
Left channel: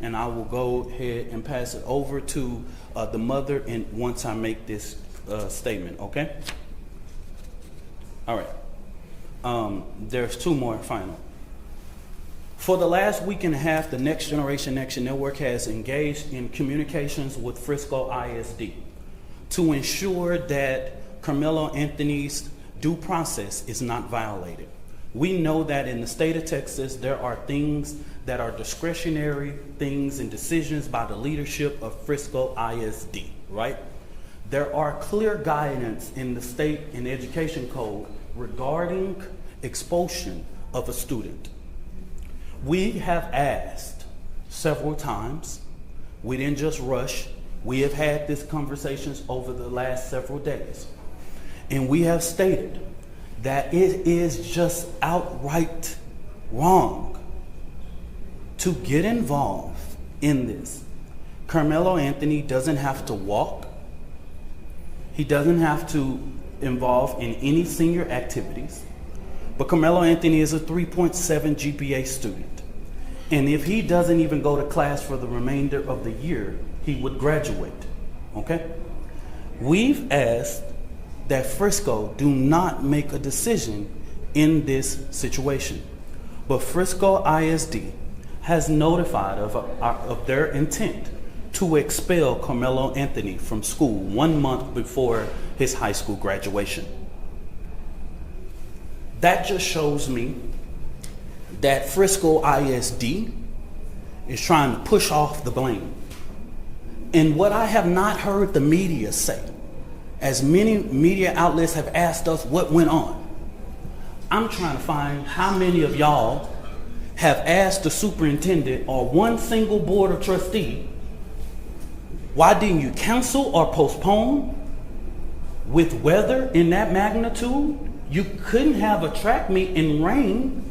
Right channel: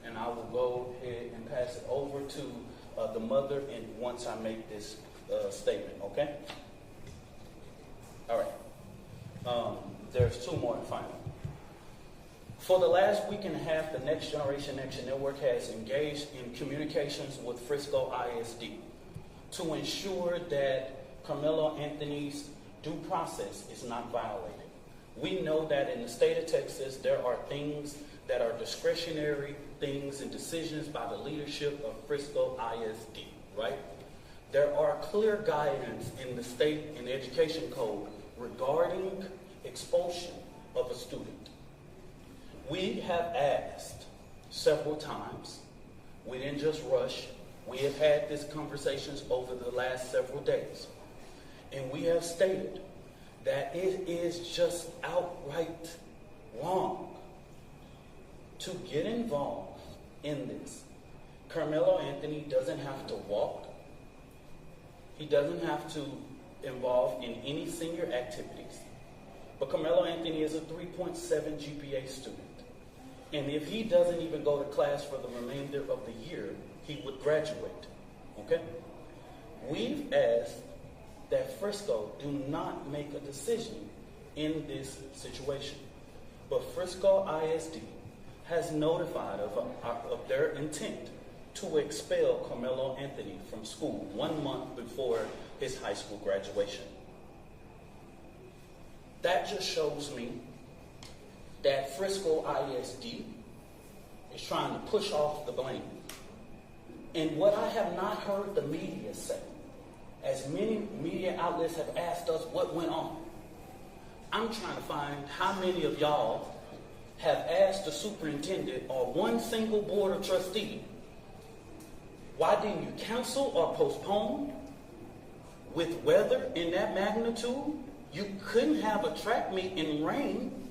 And I will go ahead and pass it over to the mother and once I make this statement, okay? All right. There's two more final. For the last week and a half, the Next Generation Action Network has engaged in communications with Frisco ISD to ensure that Karmelo Anthony's due process is not violated. We know that in the state of Texas, there are things that are discretionary things and decisions by the leadership of Frisco ISD, right? There are clear guidance in the state and education code regarding expulsion of a student. We have asked several times. We didn't just rush. We have had these conversations over the last several days. And we have stated that it is just outright wrong to get involved in this. Karmelo Anthony doesn't have to walk. He doesn't have to involve in any senior activities. But Karmelo Anthony is a 3.7 GPA student. And if he doesn't even go to class for the remainder of the year, he would graduate, okay? We've asked that Frisco do not make a decision in this situation. But Frisco ISD has notified of their intent to expel Karmelo Anthony from school 1 month before his high school graduation. That just shows me that Frisco ISD is trying to push off the blame. And what I have not heard the media say, as many media outlets have asked us what went on, I'm trying to find how many of y'all have asked the superintendent or one single board of trustee, why didn't you cancel or postpone? With weather in that magnitude, you couldn't have a track meet in rain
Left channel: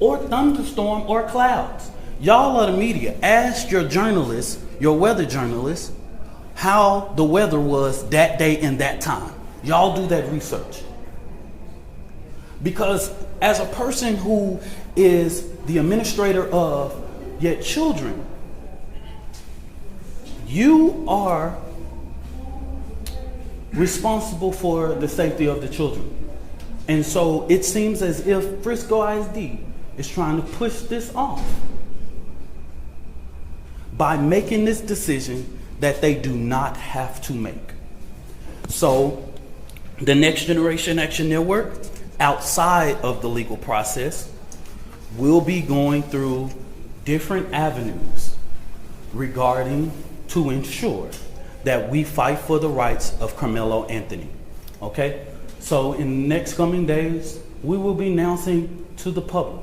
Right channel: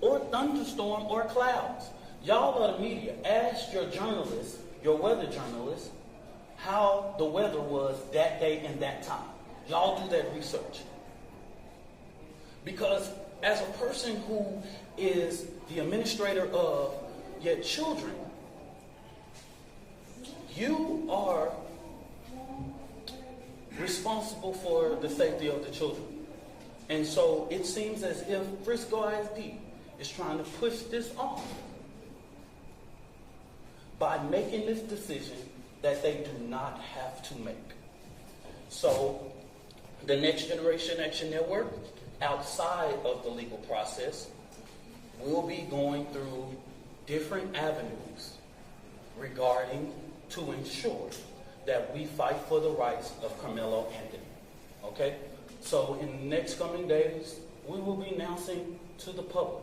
or thunderstorm or clouds. Y'all are the media. Ask your journalists, your weather journalists, how the weather was that day and that time. Y'all do that research. Because as a person who is the administrator of your children, you are responsible for the safety of the children. And so it seems as if Frisco ISD is trying to push this off by making this decision that they do not have to make. So the Next Generation Action Network, outside of the legal process, will be going through different avenues regarding to ensure that we fight for the rights of Karmelo Anthony, okay? So in the next coming days, we will be announcing to the public.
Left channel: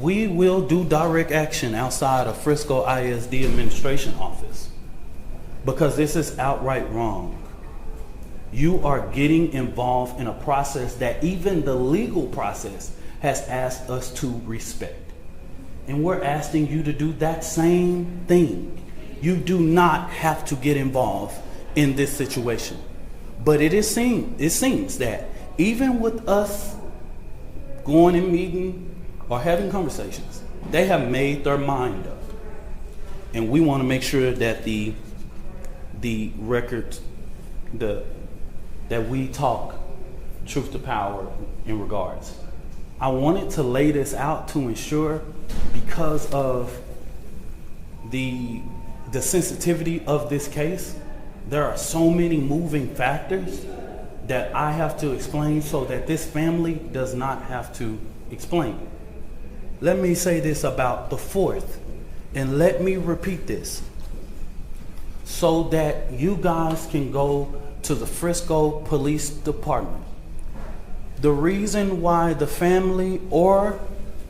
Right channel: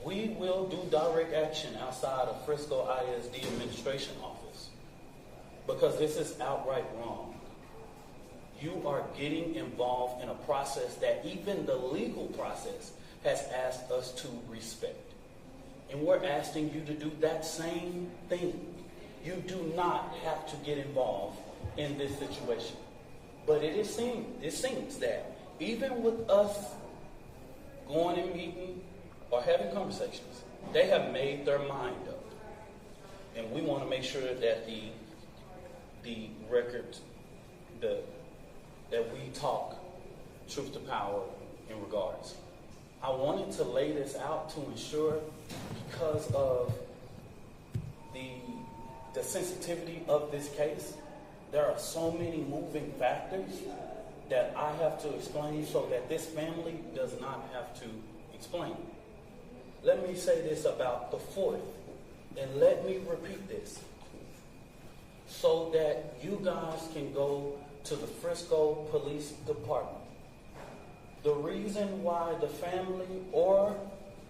We will do direct action outside of Frisco ISD administration office because this is outright wrong. You are getting involved in a process that even the legal process has asked us to respect. And we're asking you to do that same thing. You do not have to get involved in this situation. But it seems that even with us going and meeting or having conversations, they have made their mind up. And we want to make sure that the record, that we talk truth to power in regards. I wanted to lay this out to ensure, because of the sensitivity of this case, there are so many moving factors that I have to explain so that this family does not have to explain. Let me say this about the 4th, and let me repeat this so that you guys can go to the Frisco Police Department. The reason why the family or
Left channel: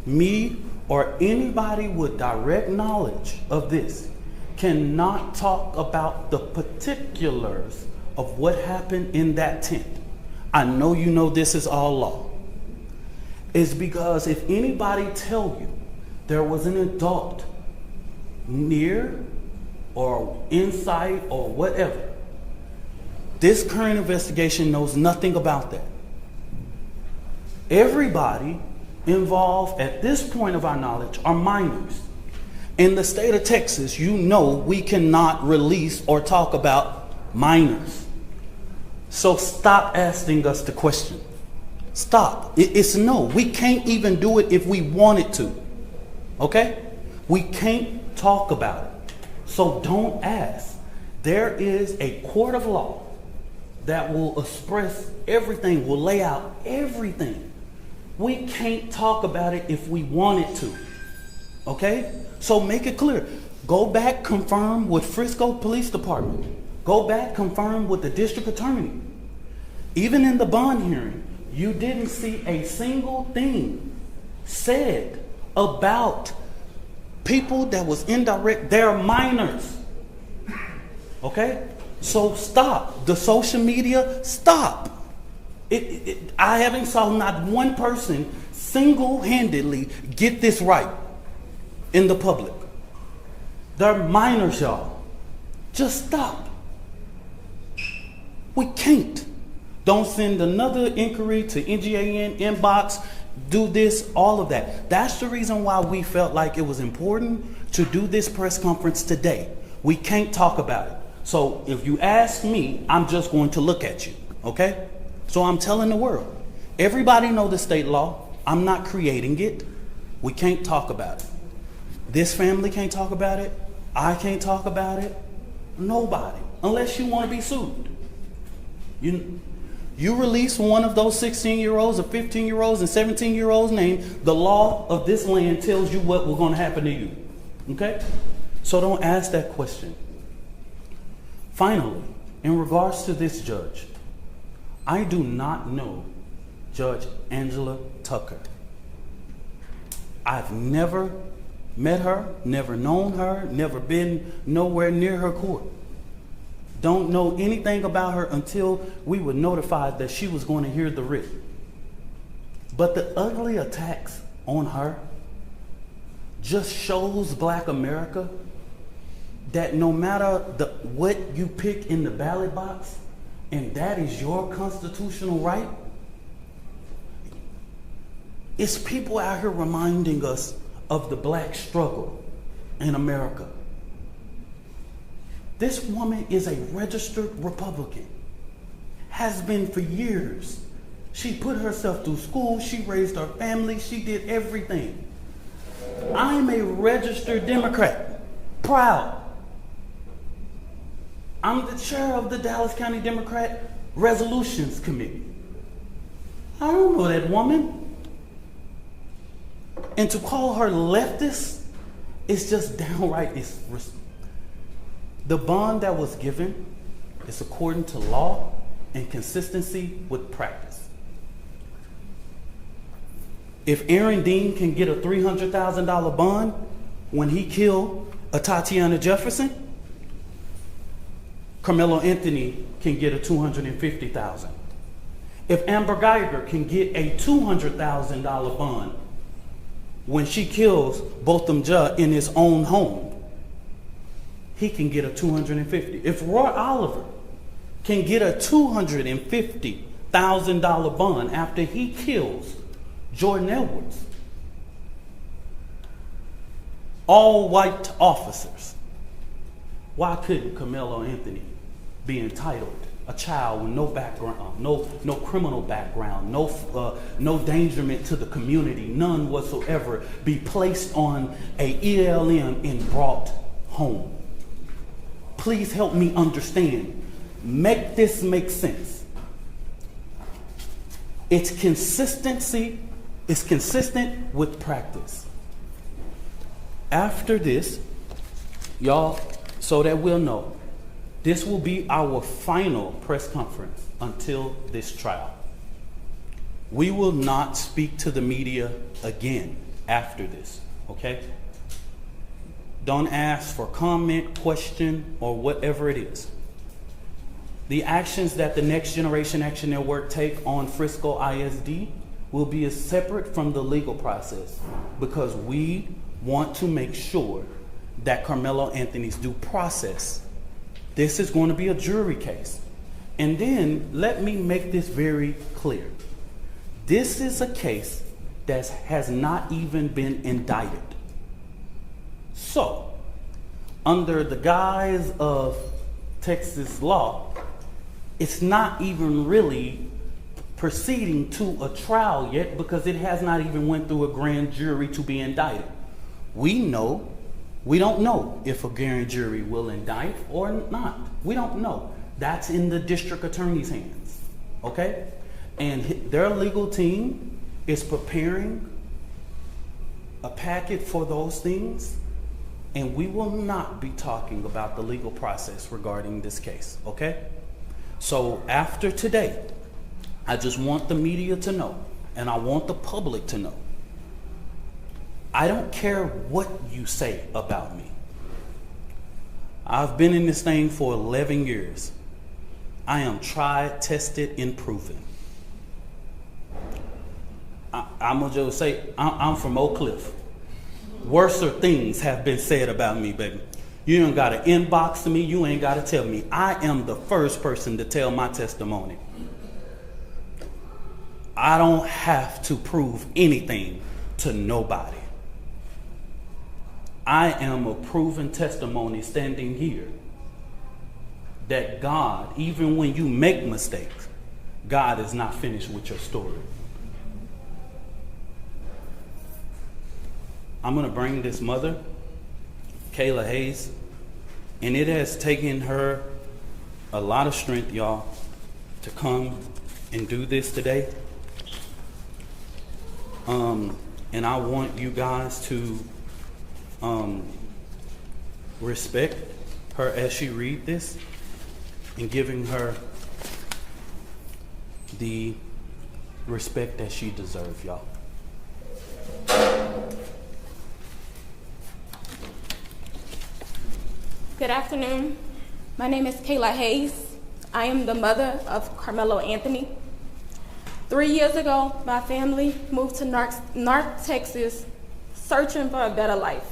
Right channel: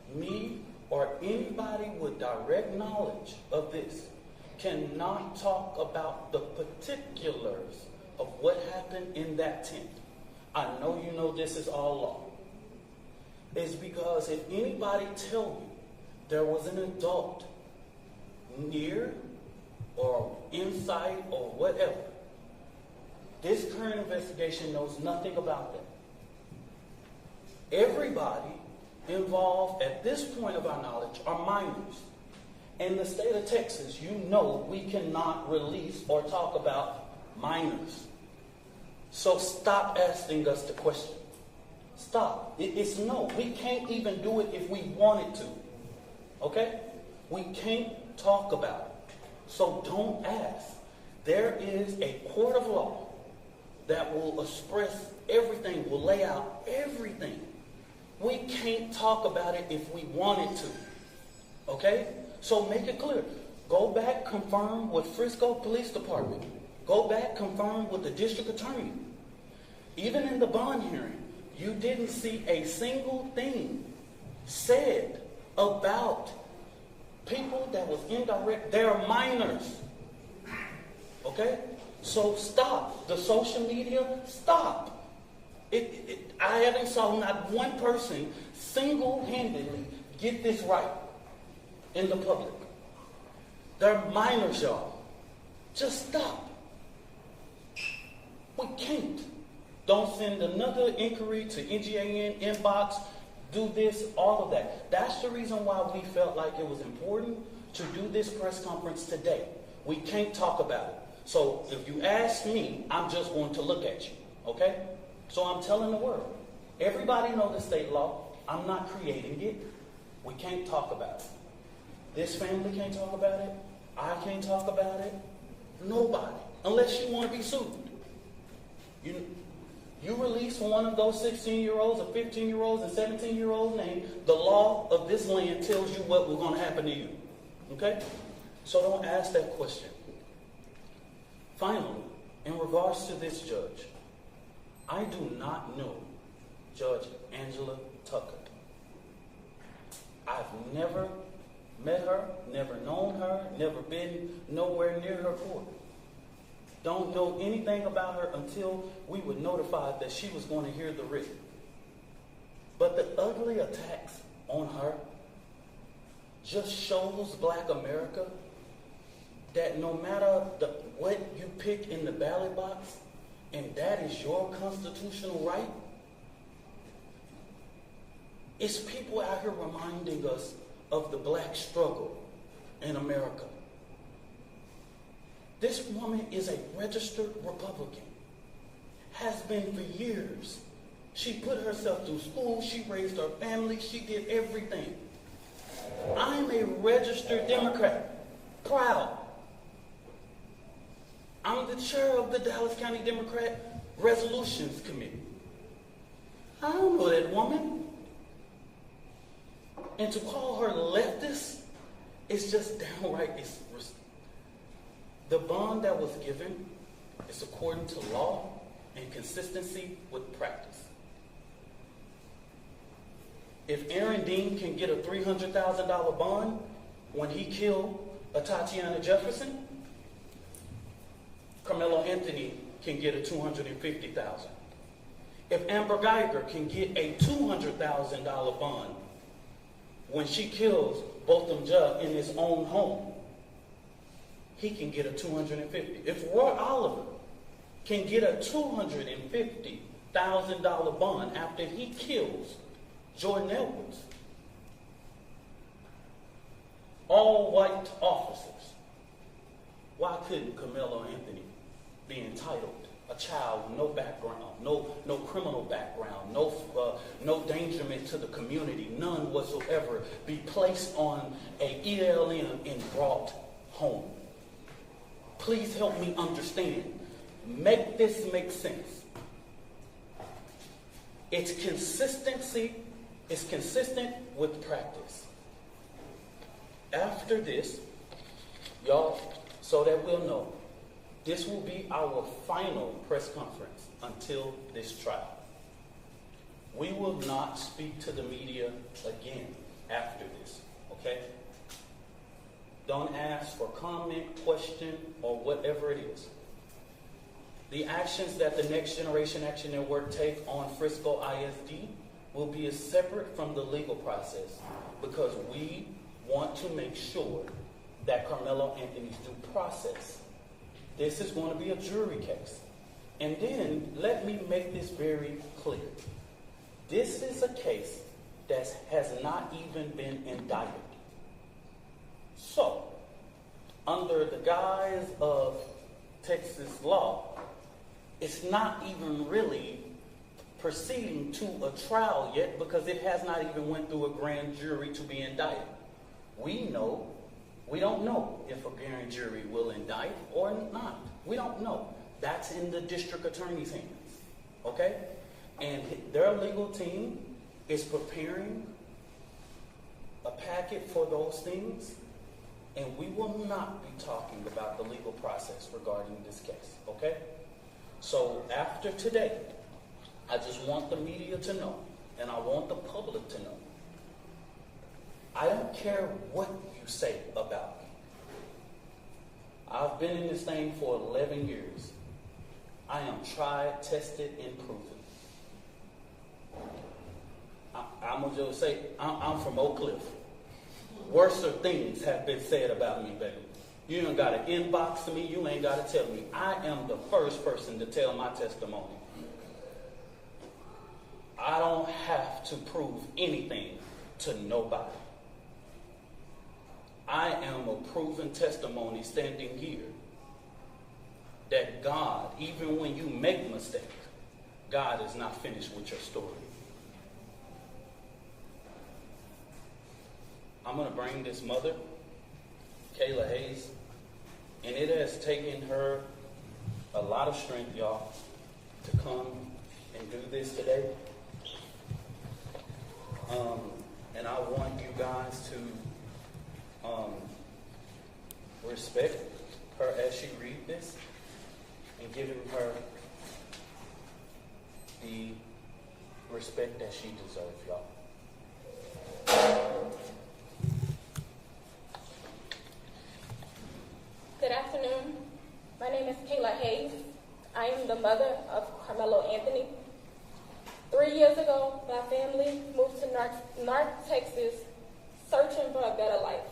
me or anybody with direct knowledge of this cannot talk about the particulars of what happened in that tent, I know you know this is all law, is because if anybody tell you there was an adult near or inside or whatever, this current investigation knows nothing about that. Everybody involved at this point of our knowledge are minors. In the state of Texas, you know we cannot release or talk about minors. So stop asking us the question. Stop. It's no. We can't even do it if we wanted to. Okay? We can't talk about it. So don't ask. There is a court of law that will express everything, will lay out everything We can't talk about it if we wanted to. Okay? So make it clear. Go back, confirm with Frisco Police Department. Go back, confirm with the district attorney. Even in the bond hearing, you didn't see a single thing said about people that was indirect. They're minors. Okay? So stop. The social media, stop. I haven't saw not one person single-handedly get this right in the public. They're minors, y'all. Just stop. We can't. Don't send another inquiry to NGAN, inbox, do this, all of that. That's the reason why we felt like it was important to do this press conference today. We can't talk about it. So if you ask me, I'm just going to look at you, okay? So I'm telling the world. Everybody know the state law. I'm not creating it. We can't talk about it. This family can't talk about it. I can't talk about it. Nobody, unless you want to be sued. You release one of those 16-year-olds or 15-year-olds and 17-year-olds' name, the law of this land tells you what was going to happen to you. Okay? So don't ask that question. Finally, in regards to this judge, I do not know Judge Angela Tucker. I've never met her, never known her, never been nowhere near her court. Don't know anything about her until we were notified that she was going to hear the writ. But the ugly attacks on her just shows Black America that no matter what you pick in the ballot box, and that is your constitutional right, it's people out here reminding us of the Black struggle in America. This woman is a registered Republican, has been for years. She put herself through school, she raised her family, she did everything. I'm a registered Democrat, proud. I'm the chair of the Dallas County Democrat Resolutions Committee. I don't know that woman. And to call her leftist is just downright. The bond that was given is according to law and consistency with practice. If Aaron Dean can get a $300,000 bond when he killed a Tatiana Jefferson, Karmelo Anthony can get a $250,000. If Amber Geiger can get a $200,000 bond when she kills Botham Judge in his own home, he can get a $250,000. If Roy Oliver can get a $250,000 bond after he kills Jordan Edwards, all white officers, why couldn't Karmelo Anthony be entitled? A child with no background, no criminal background, no endangerment to the community, none whatsoever, be placed on a ELM and brought home. Please help me understand. Make this make sense. It's consistency. It's consistent with practice. After this, y'all, so that we'll know, this will be our final press conference until this trial. We will not speak to the media again after this, okay? Don't ask for comment, question, or whatever it is. The actions that the Next Generation Action Network take on Frisco ISD will be as separate from the legal process because we want to make sure that Karmelo Anthony's due process. This is going to be a jury case. And then let me make this very clear. This is a case that has not even been indicted. So, under the guise of Texas law, it's not even really proceeding to a trial yet because it has not even went through a grand jury to be indicted. We don't know if a grand jury will indict or not. We don't know. That's in the district attorney's hands, okay? And their legal team is preparing a packet for those things, and we will not be talking about the legal process regarding this case, okay? So after today, I just want the media to know, and I want the public to know, I don't care what you say about me. I've been in this thing for 11 years. I am tried, tested, and proven. I'm gonna just say, I'm from Oak Cliff. Worser things have been said about me, baby. You ain't gotta inbox me, you ain't gotta tell me. I am the first person to tell my testimony. I don't have to prove anything to nobody. I am a proven testimony standing here that God, even when you make mistakes, God is not finished with your story. I'm gonna bring this mother, Kayla Hayes, and it has taken her a lot of strength, y'all, to come and do this today. And I want you guys to respect her as she read this and giving her the respect that she deserves, y'all. Good afternoon. My name is Kayla Hayes. I am the mother of Karmelo Anthony. 3 years ago, my family moved to North Texas searching for a better life.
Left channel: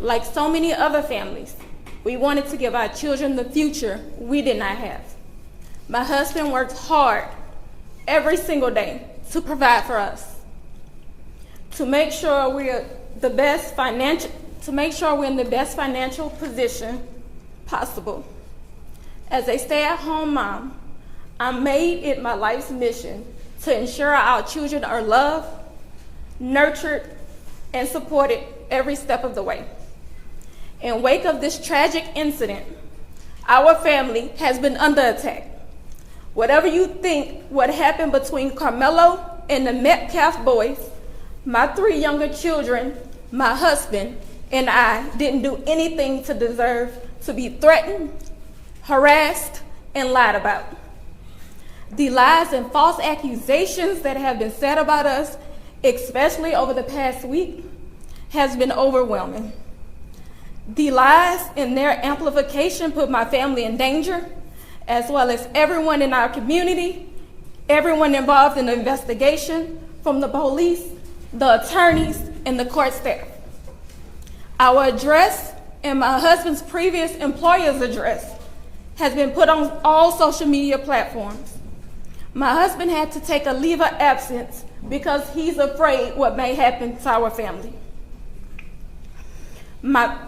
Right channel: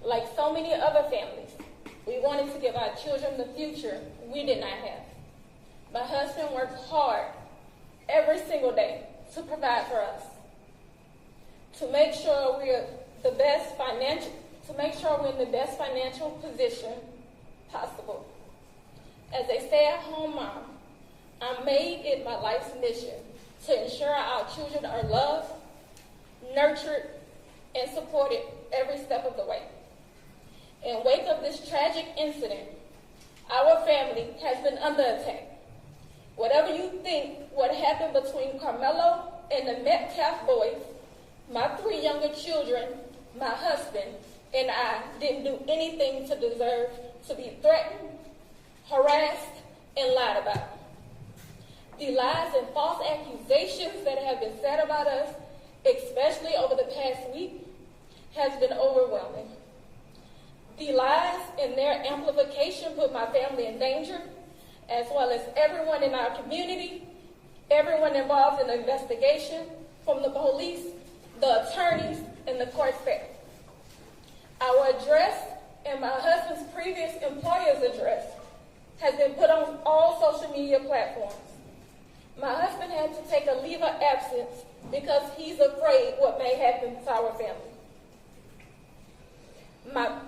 Like so many other families, we wanted to give our children the future we did not have. My husband worked hard every single day to provide for us, to make sure we're in the best financial position possible. As a stay-at-home mom, I made it my life's mission to ensure our children are loved, nurtured, and supported every step of the way. In wake of this tragic incident, our family has been under attack. Whatever you think what happened between Karmelo and the Metcalf boys, my 3 younger children, my husband, and I didn't do anything to deserve to be threatened, harassed, and lied about. The lies and false accusations that have been said about us, especially over the past week, has been overwhelming. The lies and their amplification put my family in danger, as well as everyone in our community, everyone involved in the investigation, from the police, the attorneys, and the court staff. Our address and my husband's previous employer's address has been put on all social media platforms. My husband had to take a leave of absence because he's afraid what may happen to our family.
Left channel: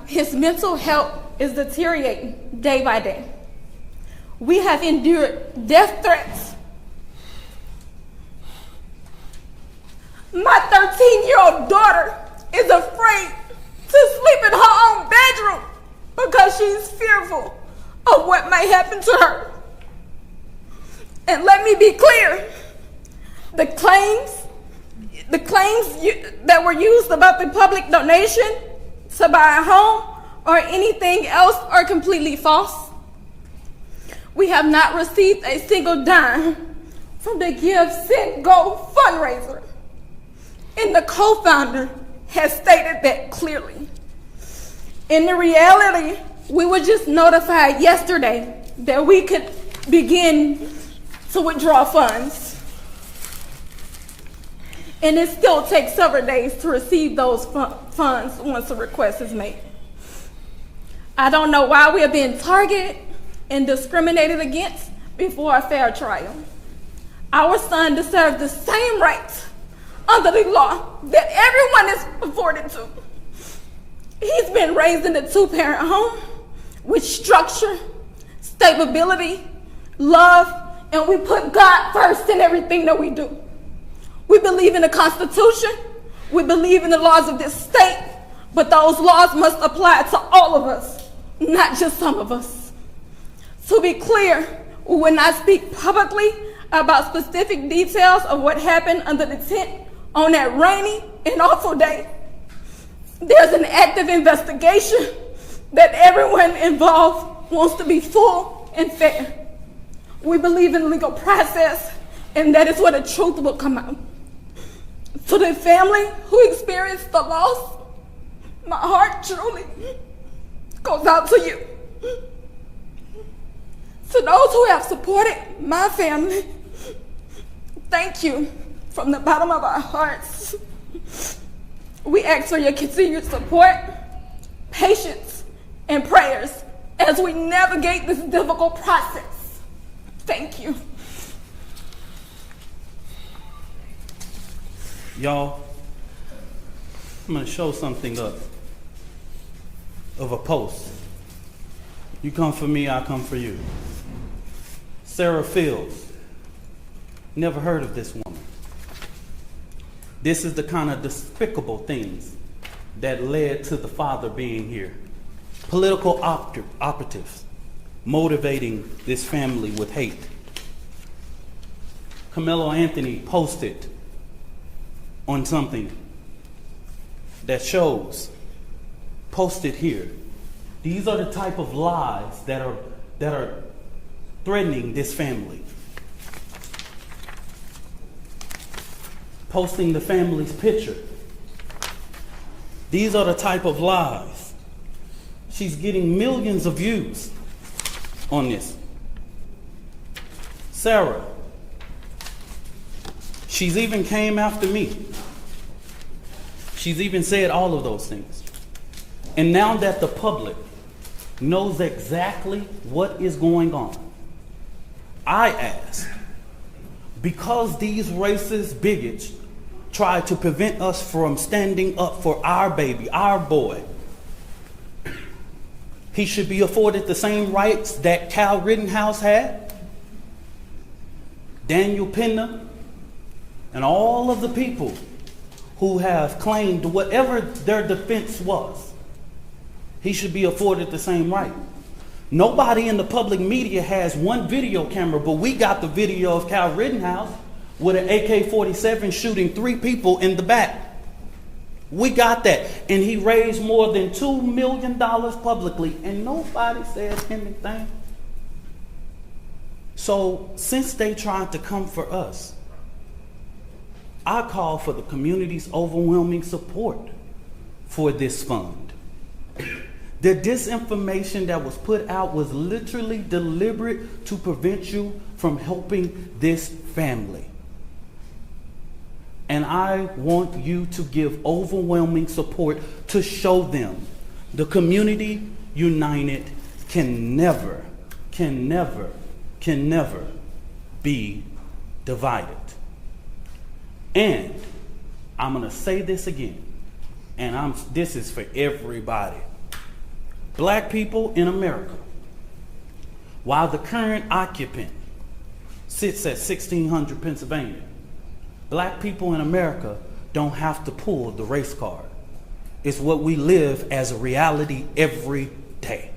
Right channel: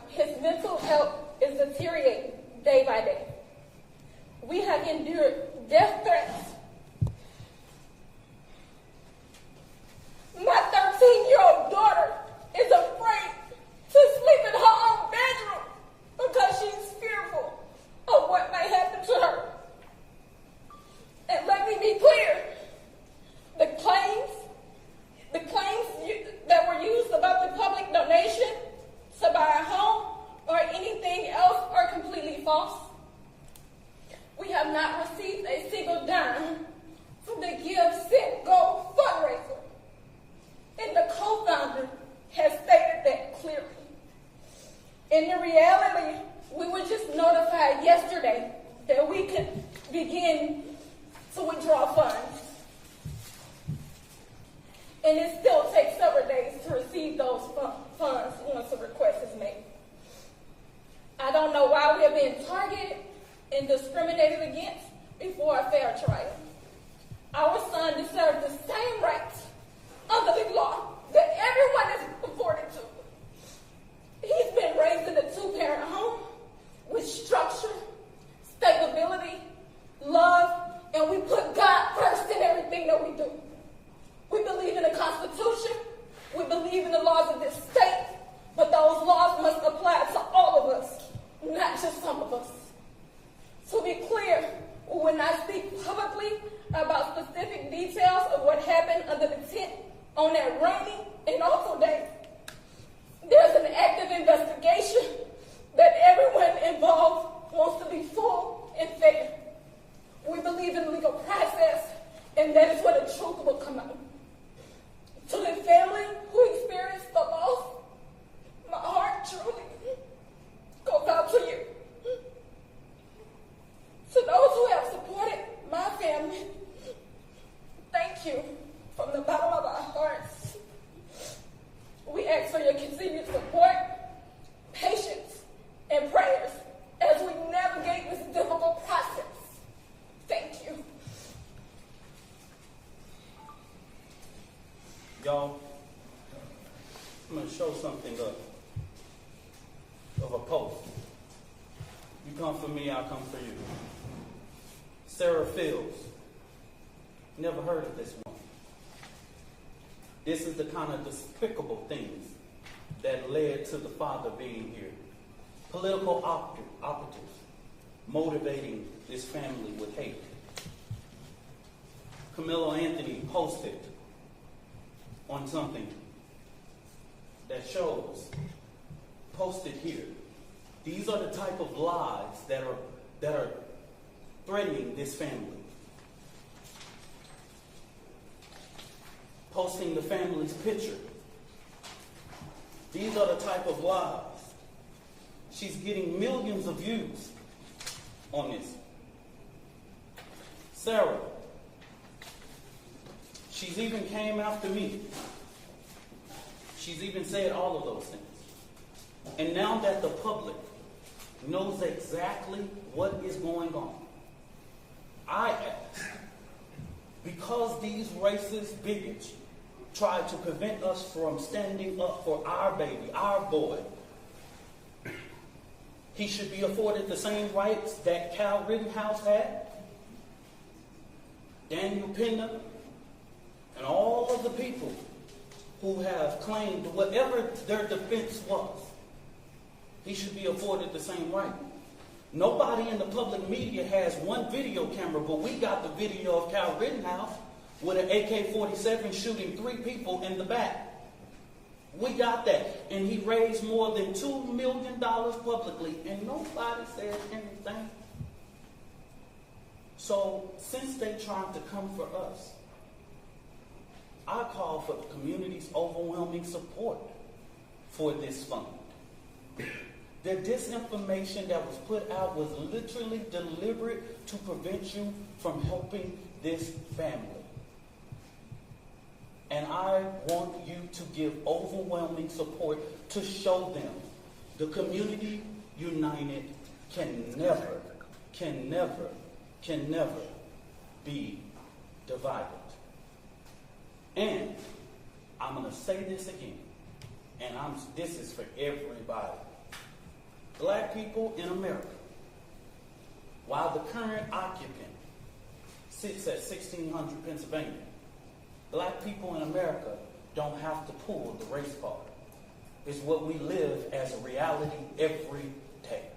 His mental health is deteriorating day by day. We have endured death threats. My 13-year-old daughter is afraid to sleep in her own bedroom because she's fearful of what may happen to her. And let me be clear, the claims that were used about the public donation to buy a home or anything else are completely false. We have not received a single dime from the Give, Send, Go fundraiser. And the co-founder has stated that clearly. In the reality, we were just notified yesterday that we could begin to withdraw funds. And it still takes several days to receive those funds once a request is made. I don't know why we are being targeted and discriminated against before a fair trial. Our son deserves the same rights under the law that everyone is afforded to. He's been raised in a 2-parent home with structure, stability, love, and we put God first in everything that we do. We believe in the Constitution, we believe in the laws of this state, but those laws must apply to all of us, not just some of us. To be clear, when I speak publicly, about specific details of what happened under the tent on that rainy and awful day. There's an active investigation that everyone involved wants to be full and fair. We believe in legal process, and that is where the truth will come out. To the family who experienced the loss, my heart truly goes out to you. To those who have supported my family, thank you from the bottom of our hearts. We ask for your continued support, patience, and prayers as we navigate this difficult process. Thank you. Y'all, I'm going to show something up of a post. You come for me, I come for you. Sarah Fields. Never heard of this woman. This is the kind of despicable things that led to the father being here. Political operatives motivating this family with hate. Karmelo Anthony posted on something that shows, posted here. These are the type of lies that are threatening this family. Posting the family's picture. These are the type of lies. She's getting millions of views on this. Sarah, she's even came after me. She's even said all of those things. And now that the public knows exactly what is going on, I ask, because these racist bigots try to prevent us from standing up for our baby, our boy, he should be afforded the same rights that Cal Rittenhouse had, Daniel Penna, and all of the people who have claimed whatever their defense was. He should be afforded the same right. Nobody in the public media has one video camera, but we got the video of Cal Rittenhouse with an AK-47 shooting 3 people in the back. We got that. And he raised more than $2 million publicly, and nobody said anything. So since they tried to come for us, I call for the community's overwhelming support for this fund. The disinformation that was put out was literally deliberate to prevent you from helping this family. And I want you to give overwhelming support to show them the community united can never be divided. And I'm going to say this again, and this is for everybody. Black people in America, while the current occupant sits at 1600 Pennsylvania, black people in America don't have to pull the race card. It's what we live as a reality every day.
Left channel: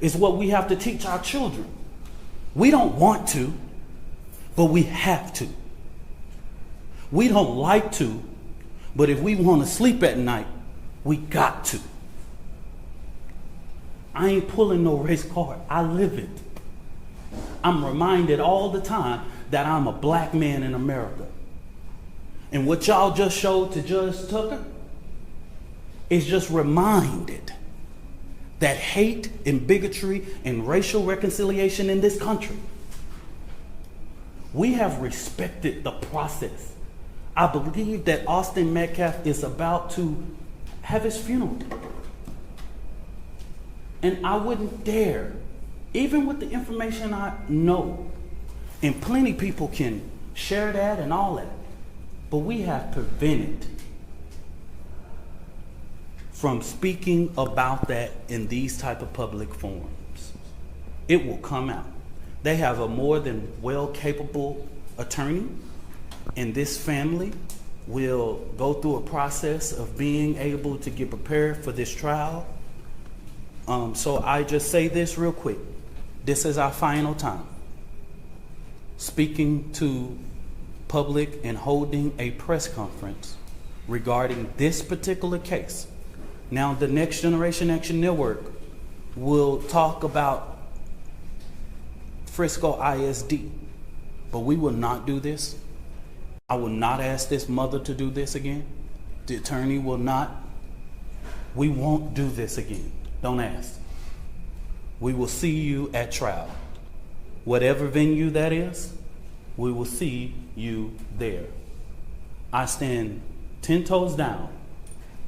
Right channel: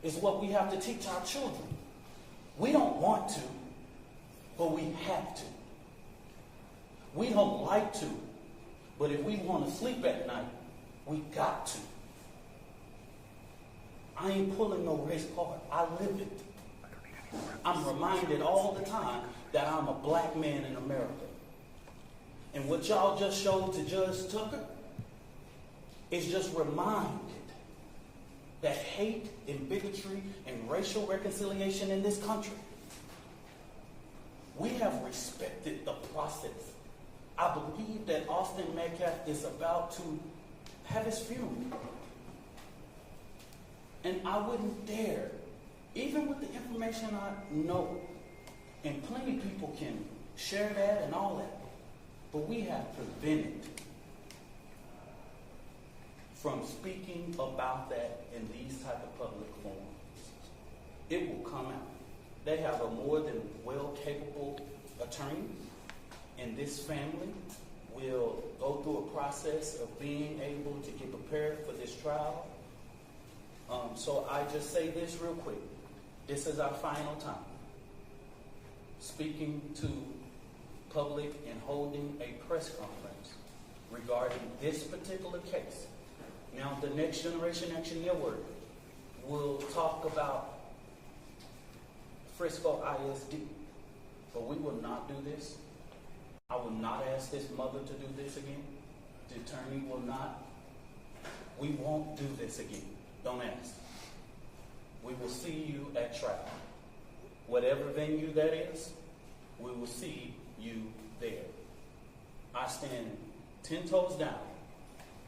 It's what we have to teach our children. We don't want to, but we have to. We don't like to, but if we want to sleep at night, we got to. I ain't pulling no race card. I live it. I'm reminded all the time that I'm a black man in America. And what y'all just showed to Judge Tucker is just reminded that hate and bigotry and racial reconciliation in this country, we have respected the process. I believe that Austin Metcalf is about to have his funeral. And I wouldn't dare, even with the information I know, and plenty people can share that and all that, but we have prevented from speaking about that in these type of public forums. It will come out. They have a more than well-capable attorney, and this family will go through a process of being able to get prepared for this trial. So I just say this real quick. This is our final time. speaking to public and holding a press conference regarding this particular case. Now, the Next Generation Action Network will talk about Frisco ISD, but we will not do this. I will not ask this mother to do this again. The attorney will not. We won't do this again. Don't ask. We will see you at trial. Whatever venue that is, we will see you there. I stand 10 toes down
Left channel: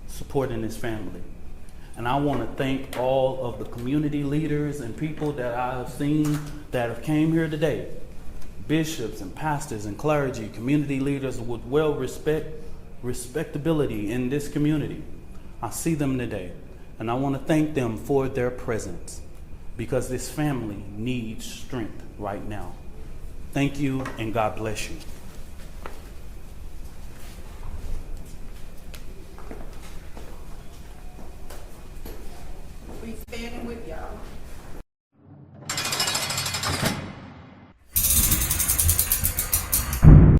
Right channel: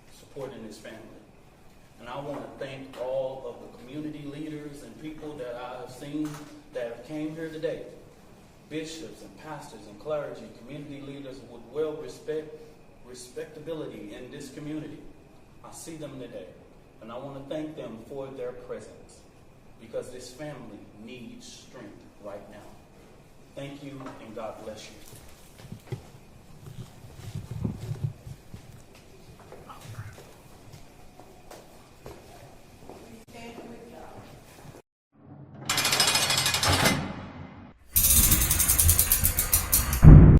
supporting this family. And I want to thank all of the community leaders and people that I have seen that have came here today. Bishops and pastors and clergy, community leaders with respectability in this community. I see them today. And I want to thank them for their presence, because this family needs strength right now. Thank you, and God bless you.